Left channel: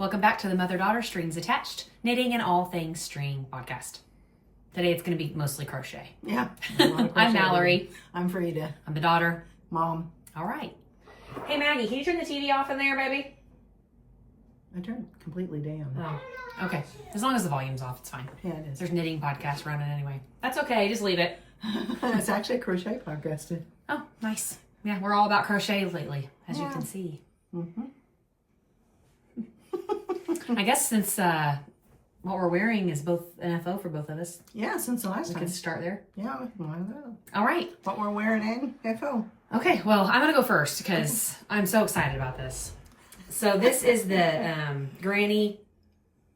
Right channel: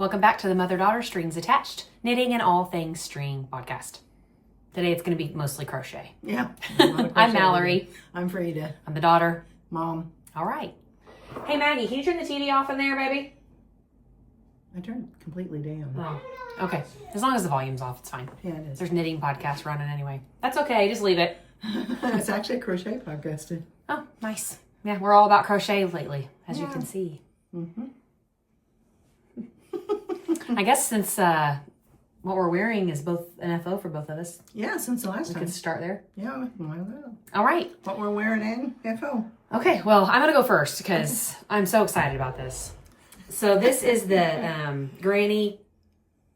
Welcome back to the Mother-Daughter Strings Attached Knitting and All Things String podcast. Today it's going to be mostly crochet. Yeah. I'm Mallory. I'm Frida. I'm the daughter. Mom. All right. Hey Maggie, can you turn the TV off in there, baby? I turned it completely down. Oh, okay. As long as the volume's off, it's fine. Yeah, it is. There's knitting podcast running anyway. That's okay. Just leave it. It's actually a crochet podcast too. Oh, nice. Yeah, we're all about crochet lately, as you can see. Mm-hmm. I guess since what we're wearing is both an FO for both of us, Yeah, since the last we time. can start there. Yeah, why not? All right. What we're wearing in FO. Okay, well, I'm going to go first because I'm so excited about this. So this is the Granny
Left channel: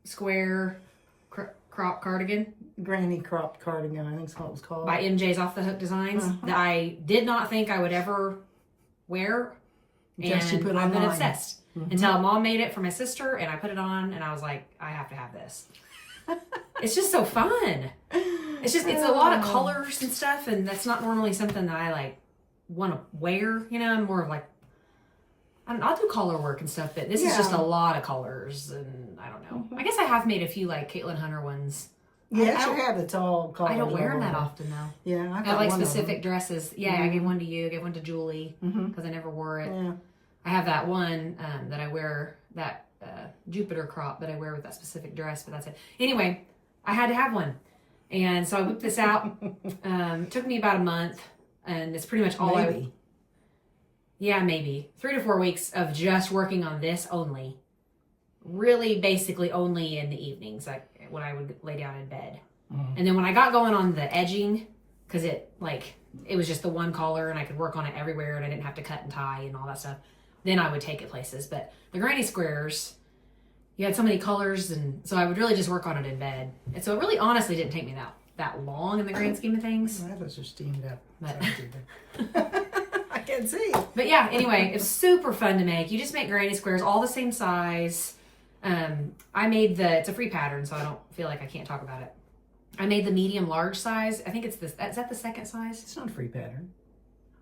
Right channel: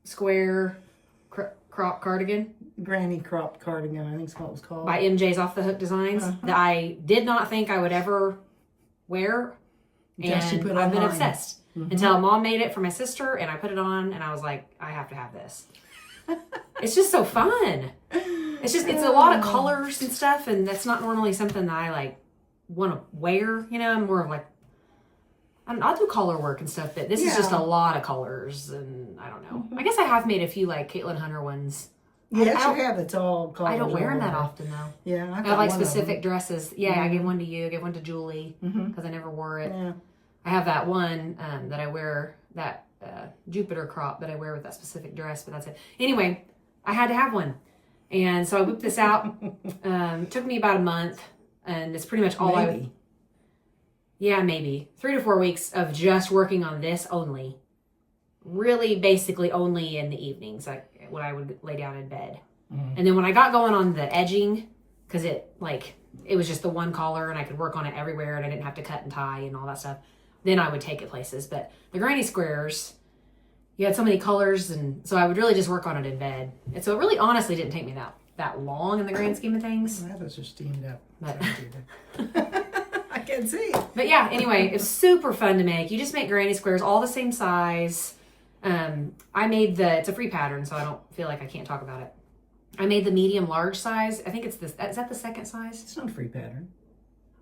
Square crop cardigan Granny cropped cardigan, I think is what it was called. by MJ's Off the Hook Designs that I did not think I would ever wear. Just you And put I've been online. obsessed until Mom made it for my sister and I put it on and I was like, I have to have this. It's just so fun. It's a lot of colors and stuff, and that's not normally something that I like want to wear. You know, I'm more of like, I'll do color work and stuff, but this is just a lot of colors, and I don't know. I guess I have made a few like Caitlin Hunter ones. Yes, I don't- you have. It's all colors. I don't wear them all that over. often though. Yeah, I have like specific dresses. Yeah, I gave one to you. I gave one to Julie because I never wore it. Yeah. I have that one that I wear, that Jupiter crop that I wear with that specific dress, but that's it. Anyway, I had to have one. And so I whipped this out. It took me about a month, and it's pretty much all Maybe. maybe 3 to 4 weeks of just working on this only. Really basically only in the evenings, like when I would lay down in bed. And then when I got going on the edging, because it was just the one collar and I could work on it everywhere and I didn't have to cut and tie and all that stuff, then I would take it places. But the granny squares, you had so many colors, and so I would really just work on it in bed. And so it really honestly didn't take me that long in the grand scheme of things. That was just steamed up. But, I can see. but yeah, anyway, it's super fun to make. You just make granny squares all the same size. I made it's a free pattern, so I don't feel like I can't talk about it. I made the medium large size. I think it's is that the second size? It's not a free pattern.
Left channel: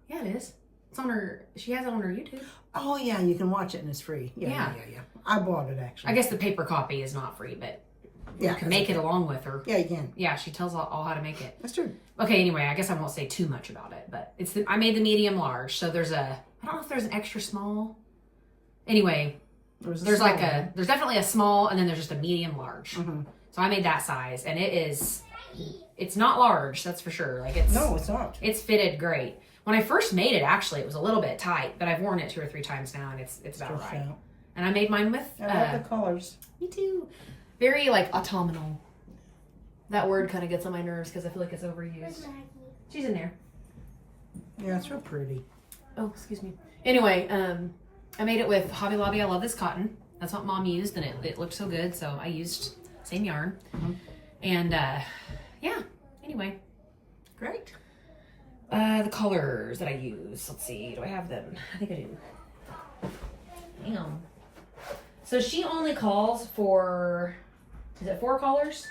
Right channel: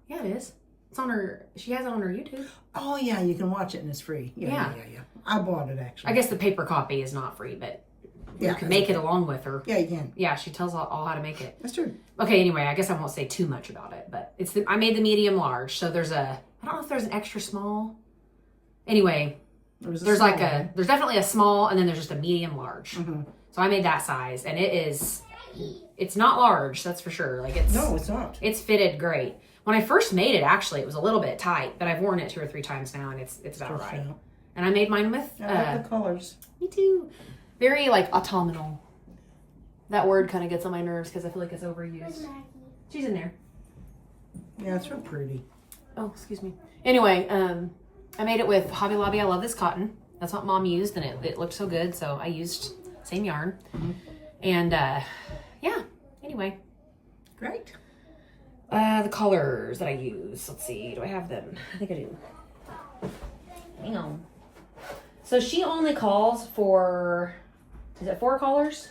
Yeah, it is. It's on she has it on her YouTube. Oh yeah, you can watch it and it's free. Yeah. I bought it actually. I guess the paper copy is not free, but you Yeah, can make it along with her. Yeah, you can. Yeah, she tells all how to make it. That's true. Okay, anyway, I guess I won't say too much about it, but I made the medium large, so I don't know if there's an extra small. Anyway, there's definitely a small, and then there's just a medium large. So I made that size, and it's not large, that's for sure. No, it's not. It's fitted great. When I first made it, actually, it was a little bit tight, but I've worn it 2 or 3 times now, and it's about right. Out. And I made mine with, I love the colors. me too, very autumnal. That word kind of gets on my nerves because I feel like it's overused. She's in there. Yeah, it's real pretty. Oh, excuse me. Anyway, I made it with Hobby Lobby. I love this cotton. That's what Mom used, and it looked so good, so I used same yarn. And yeah, anyway. Great. The colors that I use. Let's see. Do I have them? I think I do. Hang on. So she only calls for, is it 4 colors?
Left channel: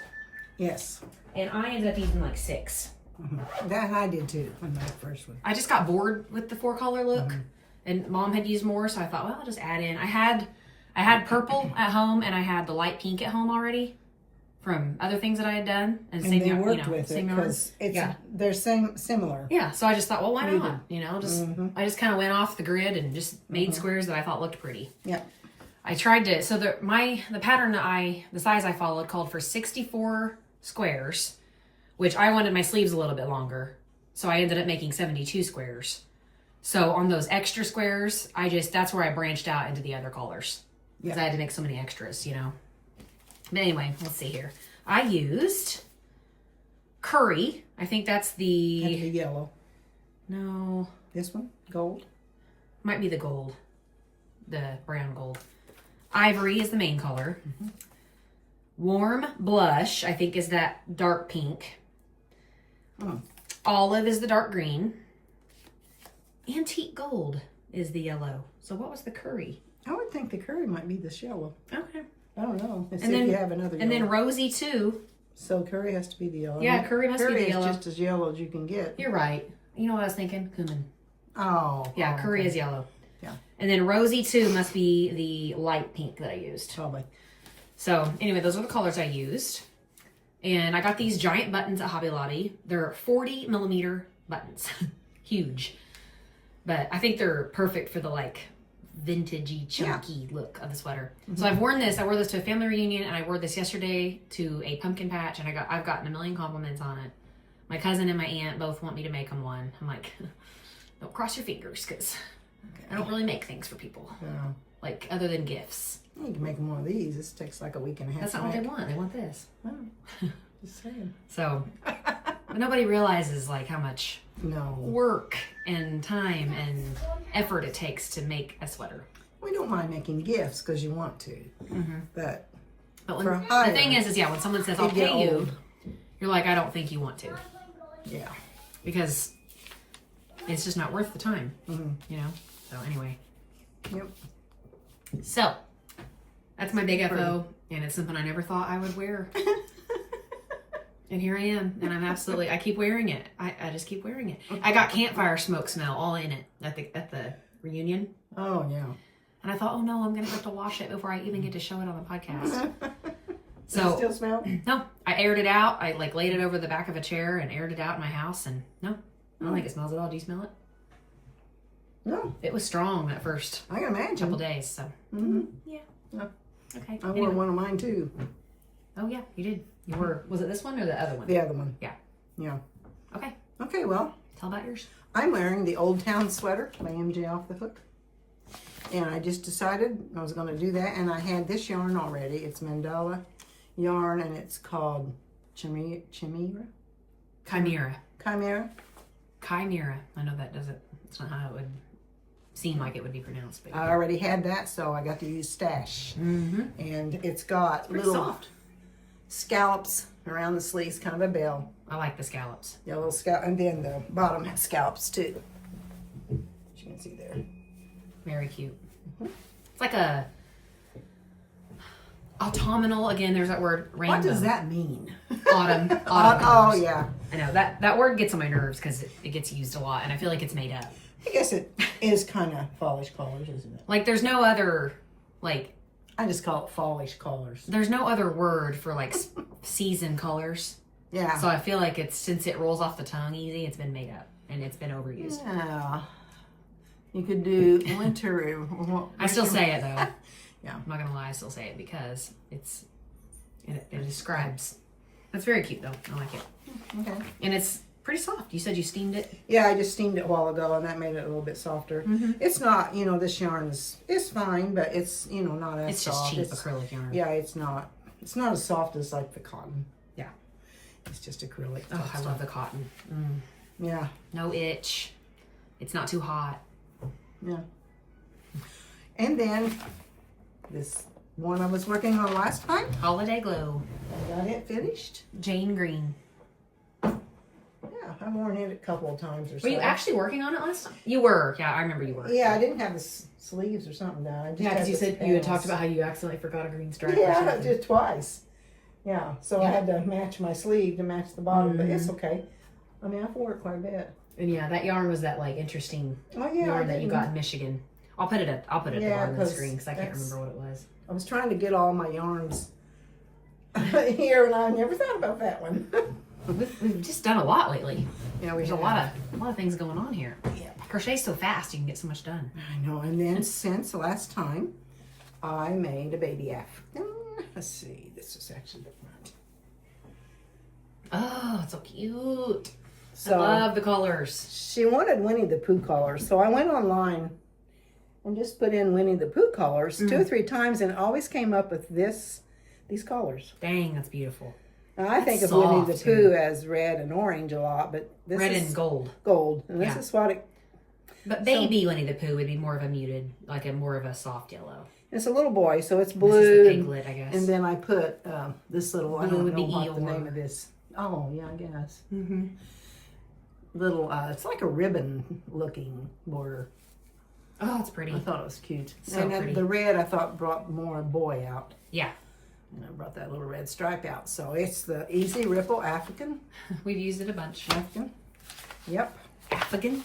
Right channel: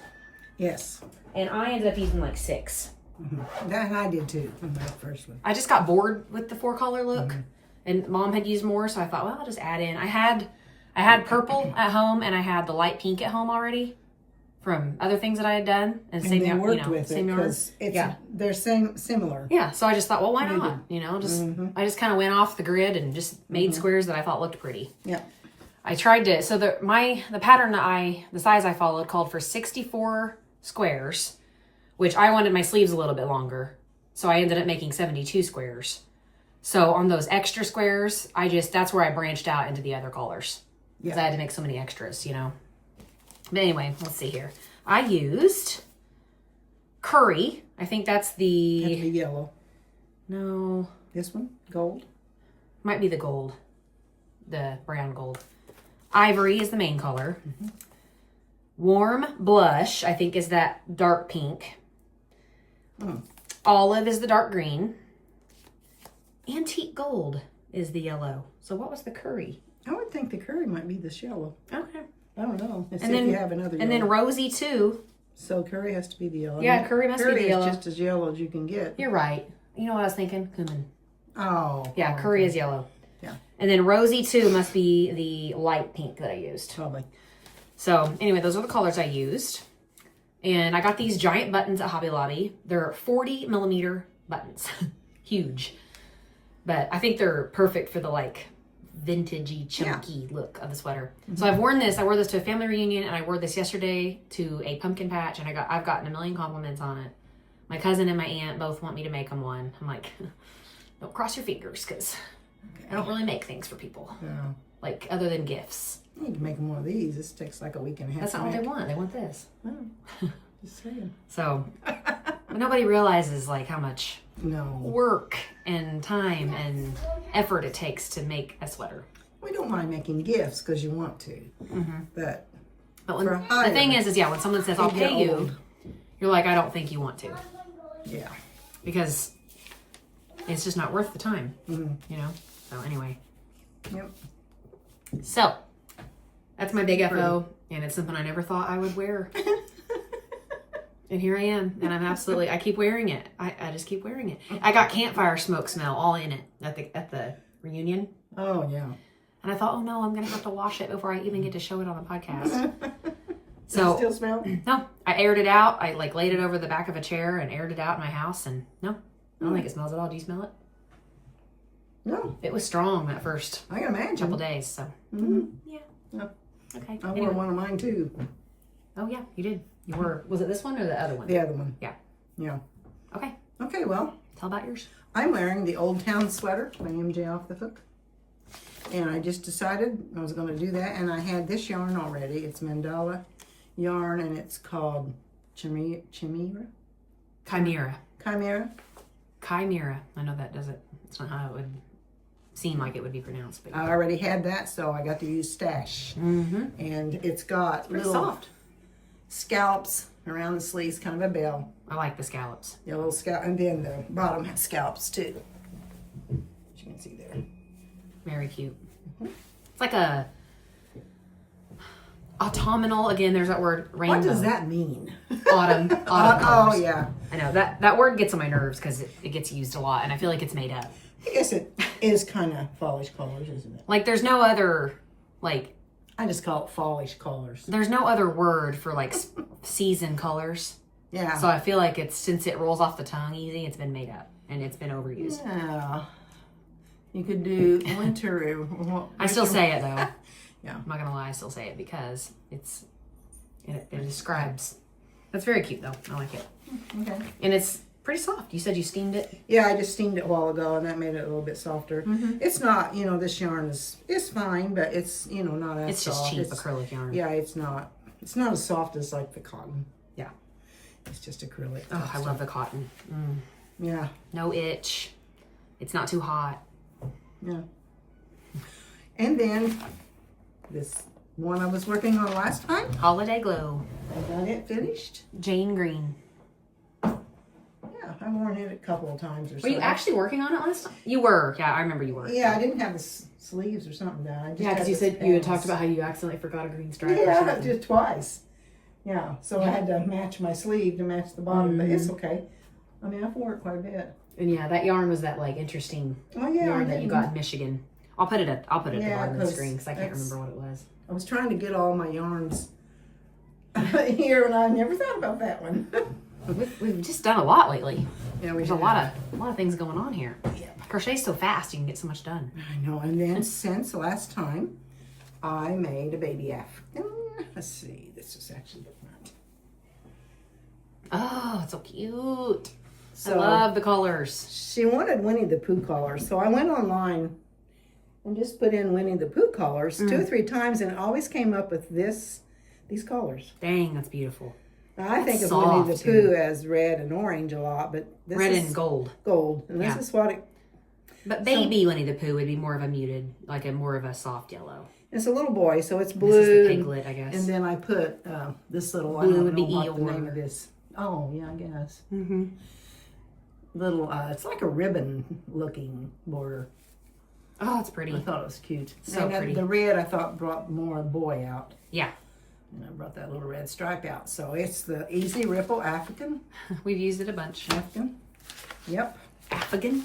Yes. And I ended up using 6. That I did too on that first one. I just got bored with the 4 color look, and Mom had used more, so I thought, well, I'll just add in. I had purple at home, and I had the light pink at home already from other things that I had done, and And same they yarn, worked with it same yarn. because they're similar. Yeah, so I just thought, well, why We not? I just kind of went off the grid and just made squares that I thought looked pretty. Yeah. I tried to, so the pattern the size I followed called for 64 squares, which I wanted my sleeves a little bit longer. So I ended up making 72 squares. So on those extra squares, that's where I branched out into the other colors. Because I had to make so many extras, But anyway, let's see here. I used Curry. I think that's And the yellow. no, This one, gold. might be the gold, the brown gold. Ivory is the main color. Warm blush, I think, is that dark pink. Olive is the dark green. Antique gold is the yellow. So what was the curry? I would think the curry might be this yellow. Okay. I don't know. Let's And see then- if you have another yellow. And then rosy too. So curry has to be the yellow. Yeah, curry must be the yellow. Curry is just as yellow as you can get. You're right. You know what I was thinking? Cumin. Oh. Yeah, curry is yellow. Yeah. And then rosy too must be the light pink that I used. Probably. So anyway, those are the colors I used. And I got these giant buttons at Hobby Lobby. They're 40 millimeter buttons. Huge. But I think they're perfect for the like vintagey, chunky look of the sweater. So I've worn this. I wore this to a family reunion, and I wore this yesterday to a pumpkin patch, and I've gotten a million compliments on it. My cousin and my aunt both want me to make them one. I'm like, don't cross your fingers, because I don't really make things for people. No. Like, other than gifts. You can make one of these. This takes like a week and a half. That's not what they want. They want this. Oh, just saying. So, but nobody realizes like how much No. work and time and effort it takes to make a sweater. We don't mind making gifts because you want to. But when, for the hire, thing is yeah, when someone says, I'll you get pay you, old. you're like, I don't think you want to. Yeah. Because it's just not worth the time, you know? So anyway. Yep. So, that's my big FO, and it's something I never thought I would wear. And here I am, and I keep wearing it. I just keep wearing it. I got campfire smoke smell all in it at the reunion. Oh, yeah. And I thought, oh no, I'm going to have to wash it before I even get to show it on the podcast. Does it still smell? No, I aired it out. I like laid it over the back of a chair and aired it out in my house, and no, I don't think it smells at all. Do you smell it? No. It was strong that first I can imagine. couple days, so. Yeah. Okay. I wore one of mine too. Oh yeah, you did. You were. Was it this one or the other one? The other one. Yeah. Yeah. Okay. Okay, well, Tell about yours. I'm wearing the Old Town sweater by MJ Off the Hook. And I just decided I was going to do that. And I had this yarn already. It's mandala yarn, and it's called Chimera? Chimera. Chimera? Chimera. I know that doesn't. It's not how it would seem like it would be pronounced. But I already had that, so I got to use Stash. And it's got pretty little soft. scallops around the sleeves, kind of a bell. I like the scallops. Yeah, little scallop, and then the bottom has scallops too. As you can see there. Very cute. It's like a autumnal. Again, there's that word. Rainbow. What does that mean? Autumn. Oh, colors. yeah. I know that word gets on my nerves because it gets used a lot, and I feel like it's made up. I guess it is kind of fallish colors, isn't it? Like there's no other like. I just call it fallish colors. There's no other word for like season colors. Yeah. So I feel like since it rolls off the tongue easy, it's been made up and it's been overused. Yeah. You could do winter. I still say it though. Yeah. I'm not gonna lie, I still say it because it describes. It's very cute though. I like it. Okay. And it's pretty soft. You said you steamed it? Yeah, I just steamed it a while ago, and that made it a little bit softer. It's not, this yarn is fine, but it's, not as It's soft. just cheap acrylic yarn. Yeah, it's not as soft as like the cotton. Yeah. It's just acrylic. Oh, I love the cotton. Yeah. No itch. It's not too hot. Yeah. And then this one I was working on last time, Holiday Glow. I got it finished. Jane Green. Yeah, I've worn it a couple of times or so. Were you actually working on it last time? You were. Yeah, I remember you were. Yeah, I didn't have the sleeves or something done. I just Yeah, had because you the said you had talked panels. about how you accidentally forgot a green stripe. or Yeah, something. just twice. Yeah, so I had to match my sleeve to match the bottom, but it's okay. I mean, I've worn it quite a bit. And yeah, that yarn was that like interesting Oh yeah, yarn that you got in Michigan. I'll put it at the bottom of the 'cause screen because I can't that's- remember what it was. I was trying to get all my yarns here, and I never thought about that one. We've just done a lot lately. Yeah, There's a lot of things going on here. Crochet's so fast, you can get so much done. I know. And then since last time, I made a baby African. Let's see. This is actually the front. Oh, it's so cute. So I love the colors. she wanted Winnie the Pooh colors, so I went online and just put in Winnie the Pooh colors 2 or 3 times, and it always came up with these colors. Dang, that's beautiful. Now, I think of Soft, Winnie the too. Pooh as red and orange a lot, but this Red is and gold. gold, and this Yeah. is what it. But baby Winnie the Pooh would be more of a muted, like a more of a soft yellow. It's a little boy, so it's This blue. is the and- piglet, I guess. And then I put this little, I Blue don't would know be what the Eeyore. name of this. Oh, yeah, I guess. Mm-hmm. Little, it's like a ribbon looking border. Oh, it's I pretty. thought it was cute. So and pretty. the red I thought brought more boy out. Yeah. And I brought that little red stripe out. So it's the Easy Ripple African. We've used it a bunch. African. Yep. Afghan.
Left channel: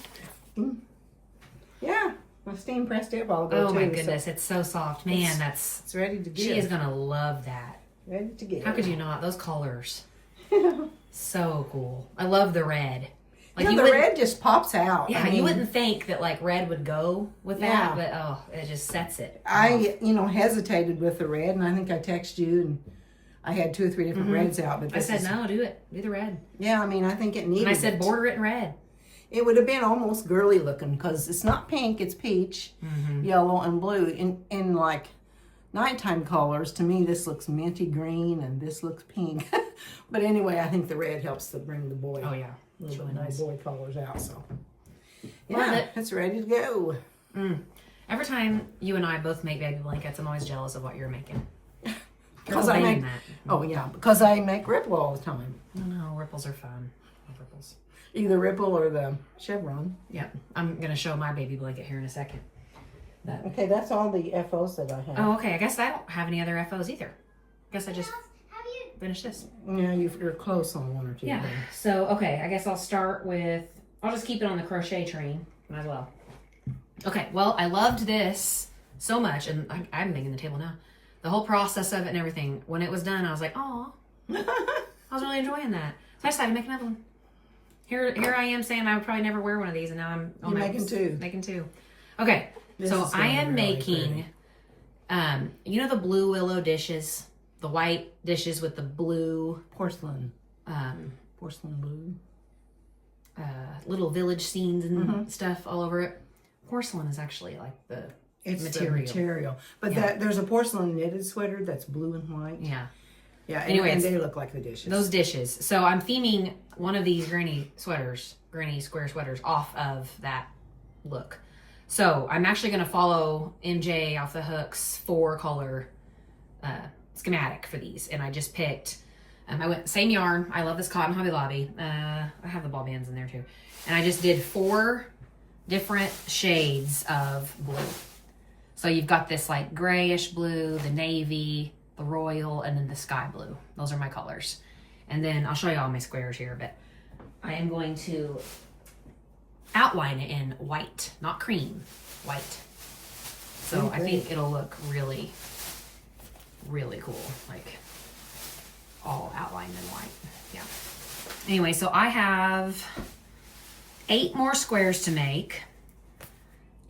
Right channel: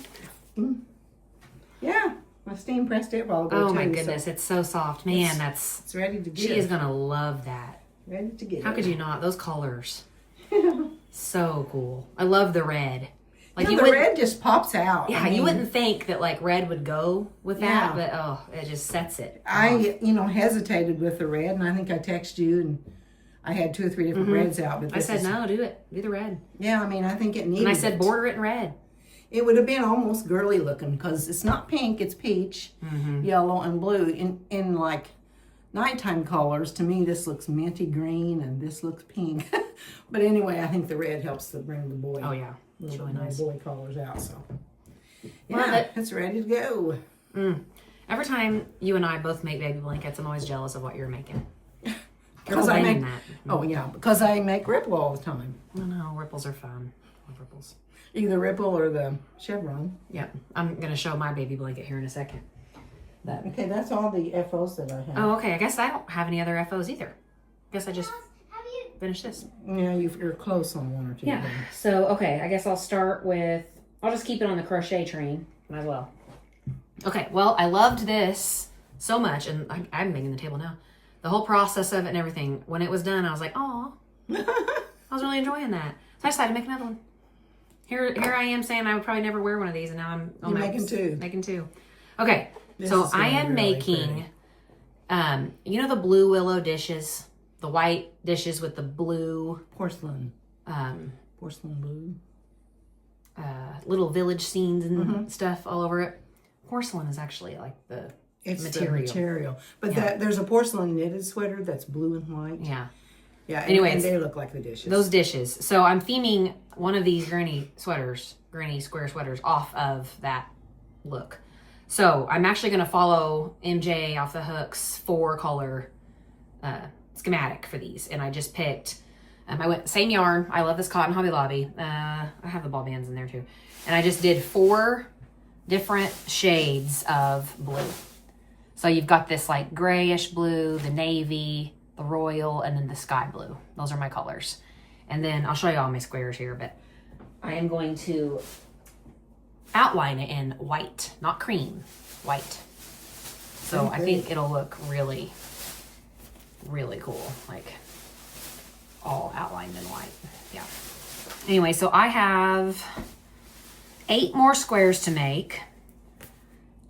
Yeah. I steam pressed it while ago Oh too, my so goodness, it's so soft. Man, that's it's ready to she give. is gonna love that. Ready to give. How could you not? Those colors. So cool. I love the red. Like the red just pops out. Yeah, I mean, you wouldn't think that like red would go with that, Yeah. but oh, it just sets it. I hesitated with the red, and I think I texted you, and I had 2 or 3 different reds out. But I said no, do it. Do the red. Yeah, I mean, I think it needed. And I said it. border it in red. It would have been almost girly looking because it's not pink, it's peach, yellow, and blue. In like nighttime colors, to me, this looks minty green, and this looks pink. But anyway, I think the red helps to bring the boy. Oh yeah, it's Little really nice. boy colors out. So Love yeah, it. it's ready to go. Every time you and I both make baby blankets, I'm always jealous of what you're making. Because I make, because I make Ripple all the time. I know ripples are fun. I love ripples. Either Ripple or the Chevron. Yeah, I'm gonna show my baby blanket here in a second. But, Okay, that's all the FOs that I have. oh, okay. I guess I don't have any other FOs either. Guess I just finished this. Yeah, you're close on 1 or 2. Yeah. there. So okay, I guess I'll start with. I'll just keep it on the crochet train. Might as well. Okay. Well, I loved this so much, and I'm making the table now. The whole process of it and everything. When it was done, I was like, oh, I was really enjoying that. So I decided to make another one. Here I am saying I would probably never wear one of these, and now I'm You're making 2. Making 2. Okay. This So is gonna I be am really making, pretty. you know the blue willow dishes, the white dishes with the blue Porcelain blue. little village scenes and stuff all over it. Porcelain is actually like the It's material. the material. But there's a porcelain knitted sweater that's blue and white. Yeah. Yeah, Anyways, and they look like the dishes. Those dishes. So I'm theming one of these granny square sweaters off of that look. So I'm actually going to follow MJ Off the Hook's 4-color schematic for these. And I just picked, I went same yarn. I love this cotton Hobby Lobby. I have the ball bands in there too. And I just did 4 different shades of blue. So you've got this like grayish blue, the navy, the royal, and then the sky blue. Those are my colors. And then I'll show you all my squares here, but I am going to outline it in white, not cream, white. So I think it'll look really, really cool. Like all outlined in white. Yeah. Anyway, so I have 8 more squares to make.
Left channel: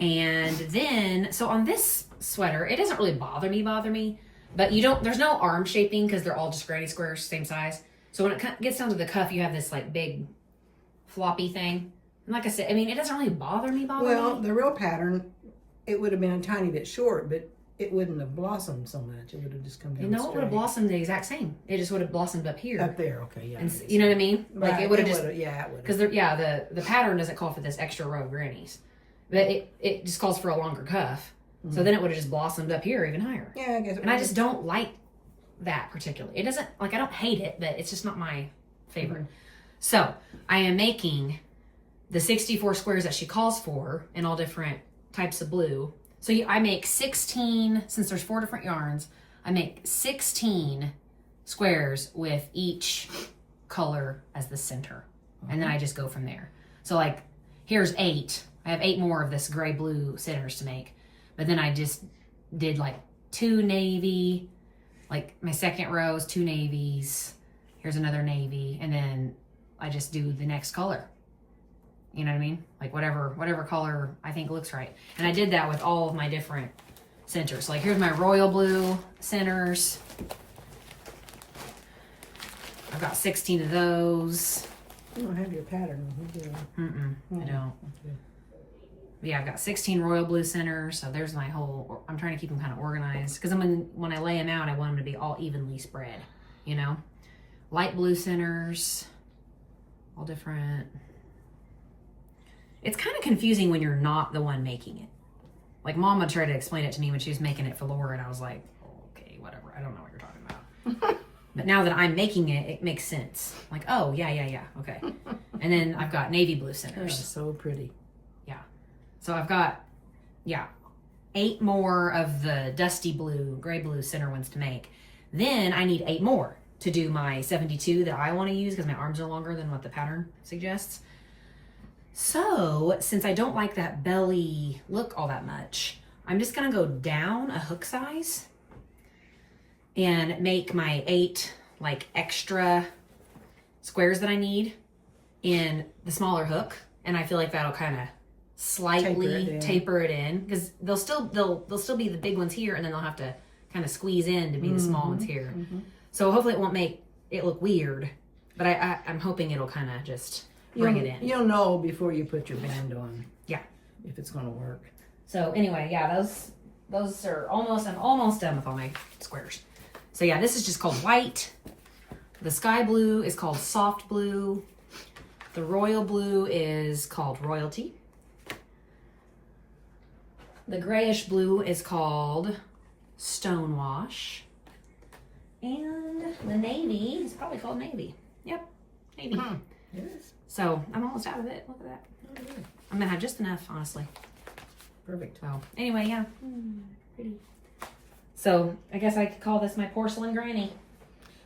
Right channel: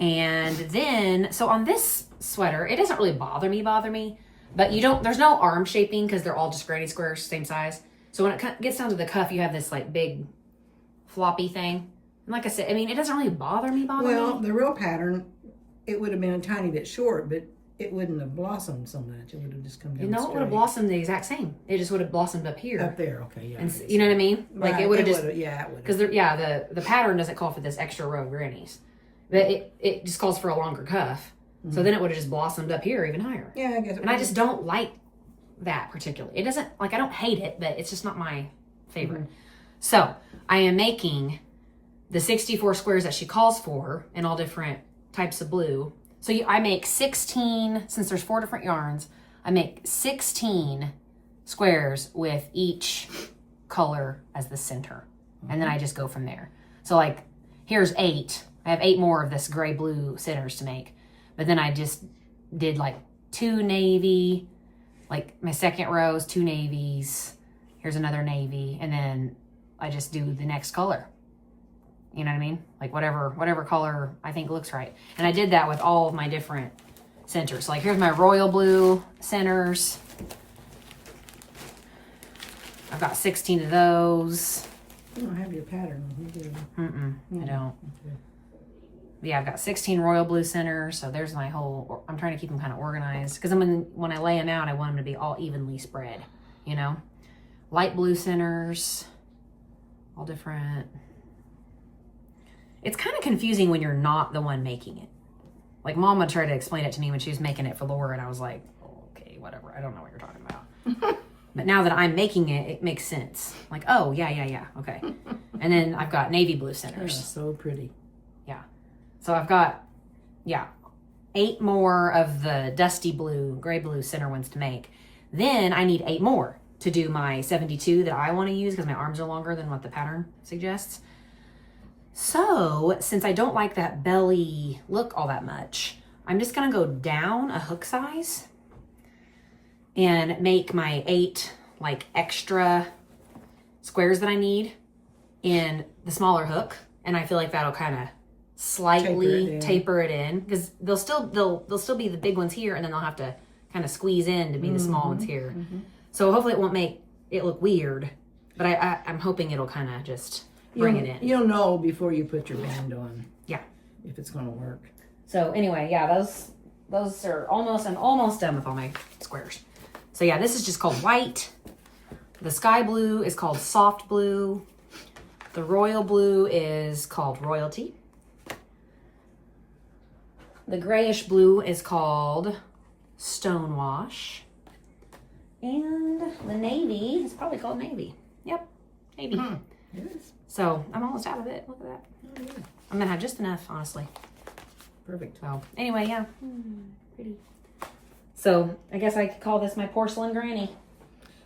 And then, so on this sweater, it doesn't really bother me, but there's no arm shaping because they're all just granny squares, same size. So when it gets down to the cuff, you have this like big floppy thing. And like I said, I mean, it doesn't really bother me. Well, the real pattern, it would have been a tiny bit short, but it wouldn't have blossomed so much. It would have just come down. You know, it would have blossomed the exact same. It just would have blossomed up here. Up there, okay, yeah. And you know what I mean? Right, Like it would have just, yeah, it would because the pattern doesn't call for this extra row of grannies, but it just calls for a longer cuff. So then it would have just blossomed up here even higher. Yeah, I guess. And I just don't like that particularly. It doesn't, like, I don't hate it, but it's just not my favorite. So I am making the 64 squares that she calls for in all different types of blue. So I make 16, since there's 4 different yarns, I make 16 squares with each color as the center. And then I just go from there. So like, here's 8. I have 8 more of this gray blue centers to make. But then I just did like 2 navy, like my second row is 2 navies. Here's another navy. And then I just do the next color. You know what I mean? Like whatever color I think looks right. And I did that with all of my different centers. Like here's my royal blue centers. I've got 16 of those. You don't have your pattern. You do. I don't. Okay. Yeah, I've got 16 royal blue centers. So there's my whole, I'm trying to keep them kind of organized. Because when I lay them out, I want them to be all evenly spread, you know? Light blue centers, all different. It's kind of confusing when you're not the one making it. Like Mama tried to explain it to me when she was making it for Laura, and I was like, oh, okay, whatever. I don't know what you're talking about. But now that I'm making it, it makes sense. Like, oh, yeah, okay. And then I've got navy blue centers. Yeah, so pretty. Yeah. So I've got, 8 more of the dusty blue, gray blue center ones to make. Then I need 8 more to do my 72 that I want to use because my arms are longer than what the pattern suggests. So since I don't like that belly look all that much, I'm just gonna go down a hook size and make my 8 like extra squares that I need in the smaller hook. And I feel like that'll kind of slightly taper it in, because they'll still be the big ones here, and then they'll have to kind of squeeze in to be the small ones here. So hopefully it won't make it look weird, but I'm hoping it'll kind of just bring it in. You'll know before you put your band on. Yeah. If it's going to work. So anyway, yeah, those are almost, I'm almost done with all my squares. So yeah, this is just called white. The sky blue is called soft blue. The royal blue is called royalty. The grayish blue is called stonewash. And the navy is probably called navy. Yep, navy. Yes. So I'm almost out of it. Look at that. Oh, yeah. I'm gonna have just enough, honestly. Perfect. So anyway, yeah, pretty. So I guess I could call this my porcelain granny.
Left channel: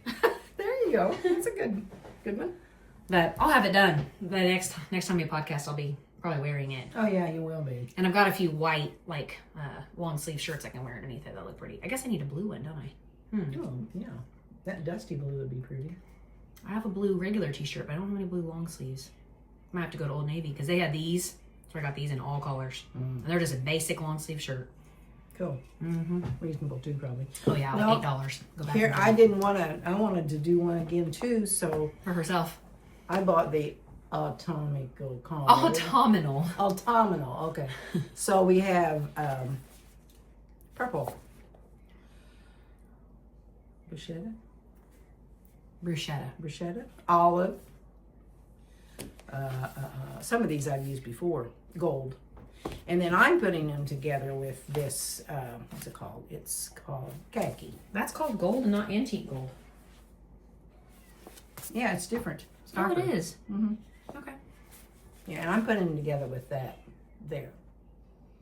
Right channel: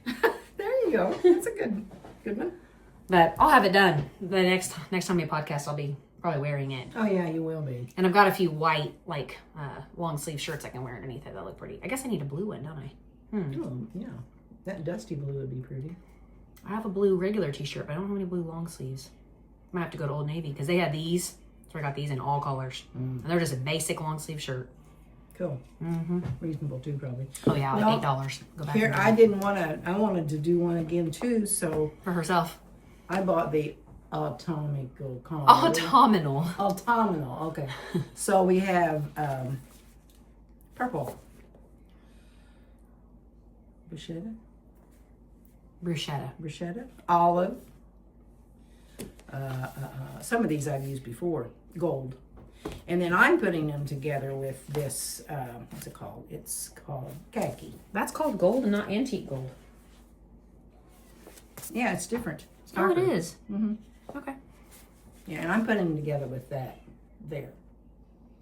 There you go. That's a good one. But I'll have it done. The next time we podcast, I'll be probably wearing it. Oh yeah, you will be. And I've got a few white, like long sleeve shirts I can wear underneath it that look pretty. I guess I need a blue one, don't I? Oh yeah, that dusty blue would be pretty. I have a blue regular t-shirt, but I don't have any blue long sleeves. I might have to go to Old Navy because they had these. So I got these in all colors. And they're just a basic long sleeve shirt. Cool. Reasonable too, probably. Oh yeah, Well, $8. Go back Here, I wanted to do one again too, so for herself. I bought the Autumnal. Autumnal. Okay. So we have purple. Bruschetta. Olive. Some of these I've used before. Gold. And then I'm putting them together with this, what's it called? It's called khaki. That's called gold and not antique gold. Yeah, it's different. It's Oh, it darker. is. Okay. Yeah, and I'm putting them together with that there.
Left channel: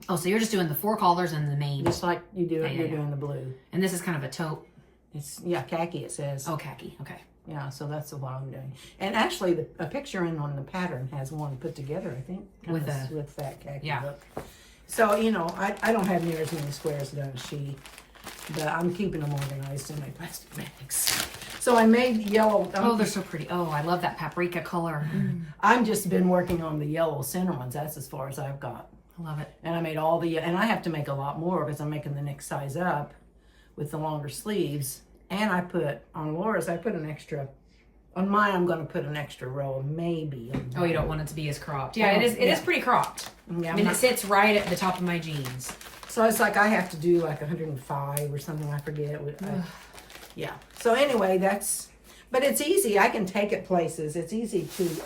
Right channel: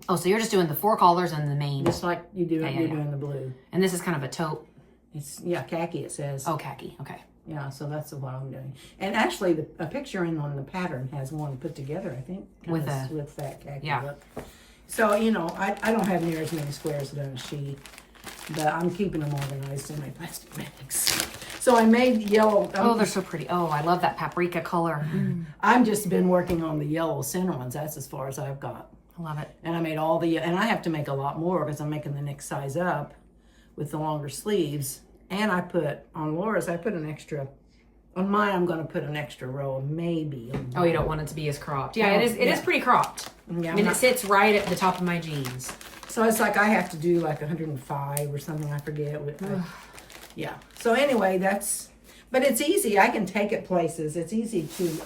Oh, so you're just doing the 4 colors and the main. Just like you do it, Yeah, you're yeah. doing the blue. And this is kind of a taupe. It's, khaki it says. Oh, khaki. Okay. Yeah, so that's what I'm doing. And actually, a picture in on the pattern has one put together, I think. With with that khaki yeah. look. So, I don't have near as many squares done as she, but I'm keeping them organized in my plastic bags. So I made yellow. Oh, they're so pretty. Oh, I love that paprika color. I've just been working on the yellow center ones. That's as far as I've got. I love it. And I made and I have to make a lot more because I'm making the next size up with the longer sleeves. And I put, on Laura's, I put an extra, on mine I'm going to put an extra row, maybe. Oh, you don't want it to be as cropped. Yeah, it is pretty cropped. Yeah, I mean, it sits right at the top of my jeans. So it's like I have to do like 105 or something, I forget. Yeah. So anyway, but it's easy. I can take it places. It's easy to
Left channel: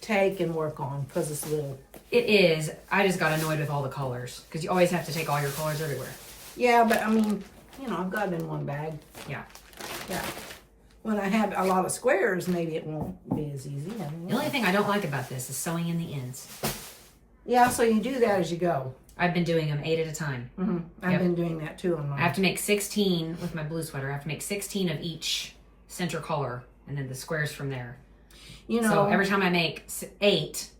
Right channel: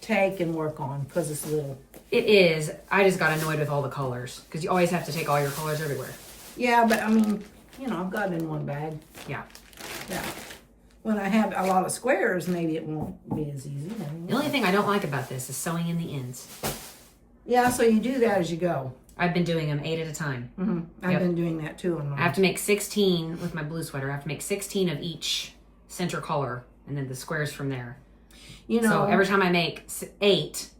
take and work on because it's little. It is. I just got annoyed with all the colors because you always have to take all your colors everywhere. Yeah, but I mean, I've got it in one bag. Yeah. Yeah. When I have a lot of squares, maybe it won't be as easy. The only thing I don't like about this is sewing in the ends. Yeah, so you do that as you go. I've been doing them 8 at a time. I've been doing that too on mine. I have to make 16 with my blue sweater. I have to make 16 of each center color and then the squares from there. So every time I make 8,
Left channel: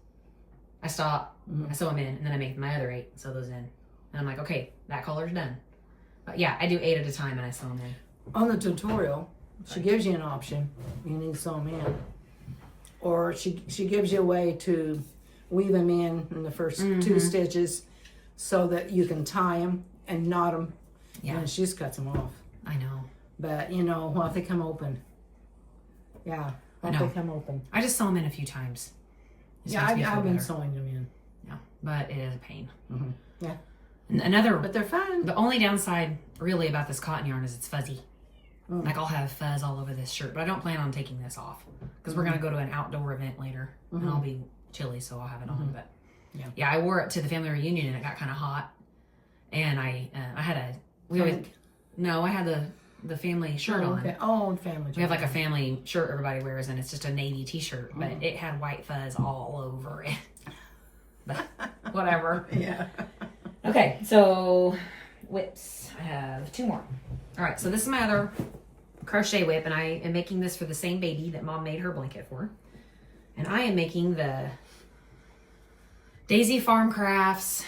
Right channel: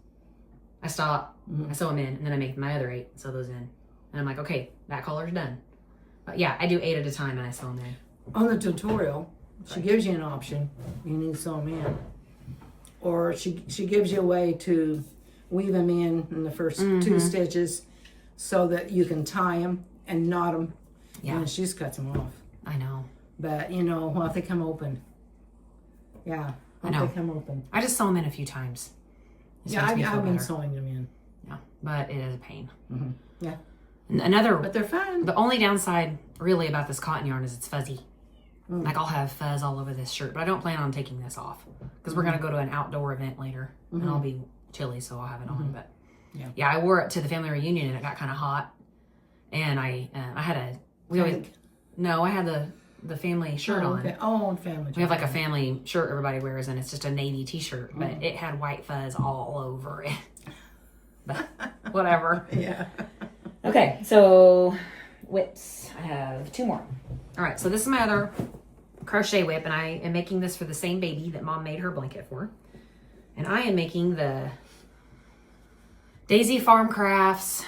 I stop, I sew them in, and then I make my other 8, sew those in. And I'm like, okay, that color's done. But yeah, I do 8 at a time and I sew them in. On the tutorial, she gives you an option. You need to sew them in. Or she gives you a way to weave them in the first 2 stitches so that you can tie them and knot them. Yeah. And she just cuts them off. I know. But, what they come open. Yeah. What they come open. I just sew them in a few times. Yeah, I've been sewing them in. Yeah, but it is a pain. Yeah. And but they're fun. The only downside really about this cotton yarn is it's fuzzy. Like I'll have fuzz all over this shirt, but I don't plan on taking this off because we're going to go to an outdoor event later and I'll be chilly, so I'll have it on. But yeah, I wore it to the family reunion and it got kind of hot. And I had the family shirt on. Okay. Oh, family. We have like a family shirt everybody wears and it's just a navy t-shirt, but it had white fuzz all over it. But whatever. Yeah. Okay, so whips. I have 2 more. All right, so this is my other crochet whip, and I am making this for the same baby that Mom made her blanket for. And I am making the Daisy Farm Crafts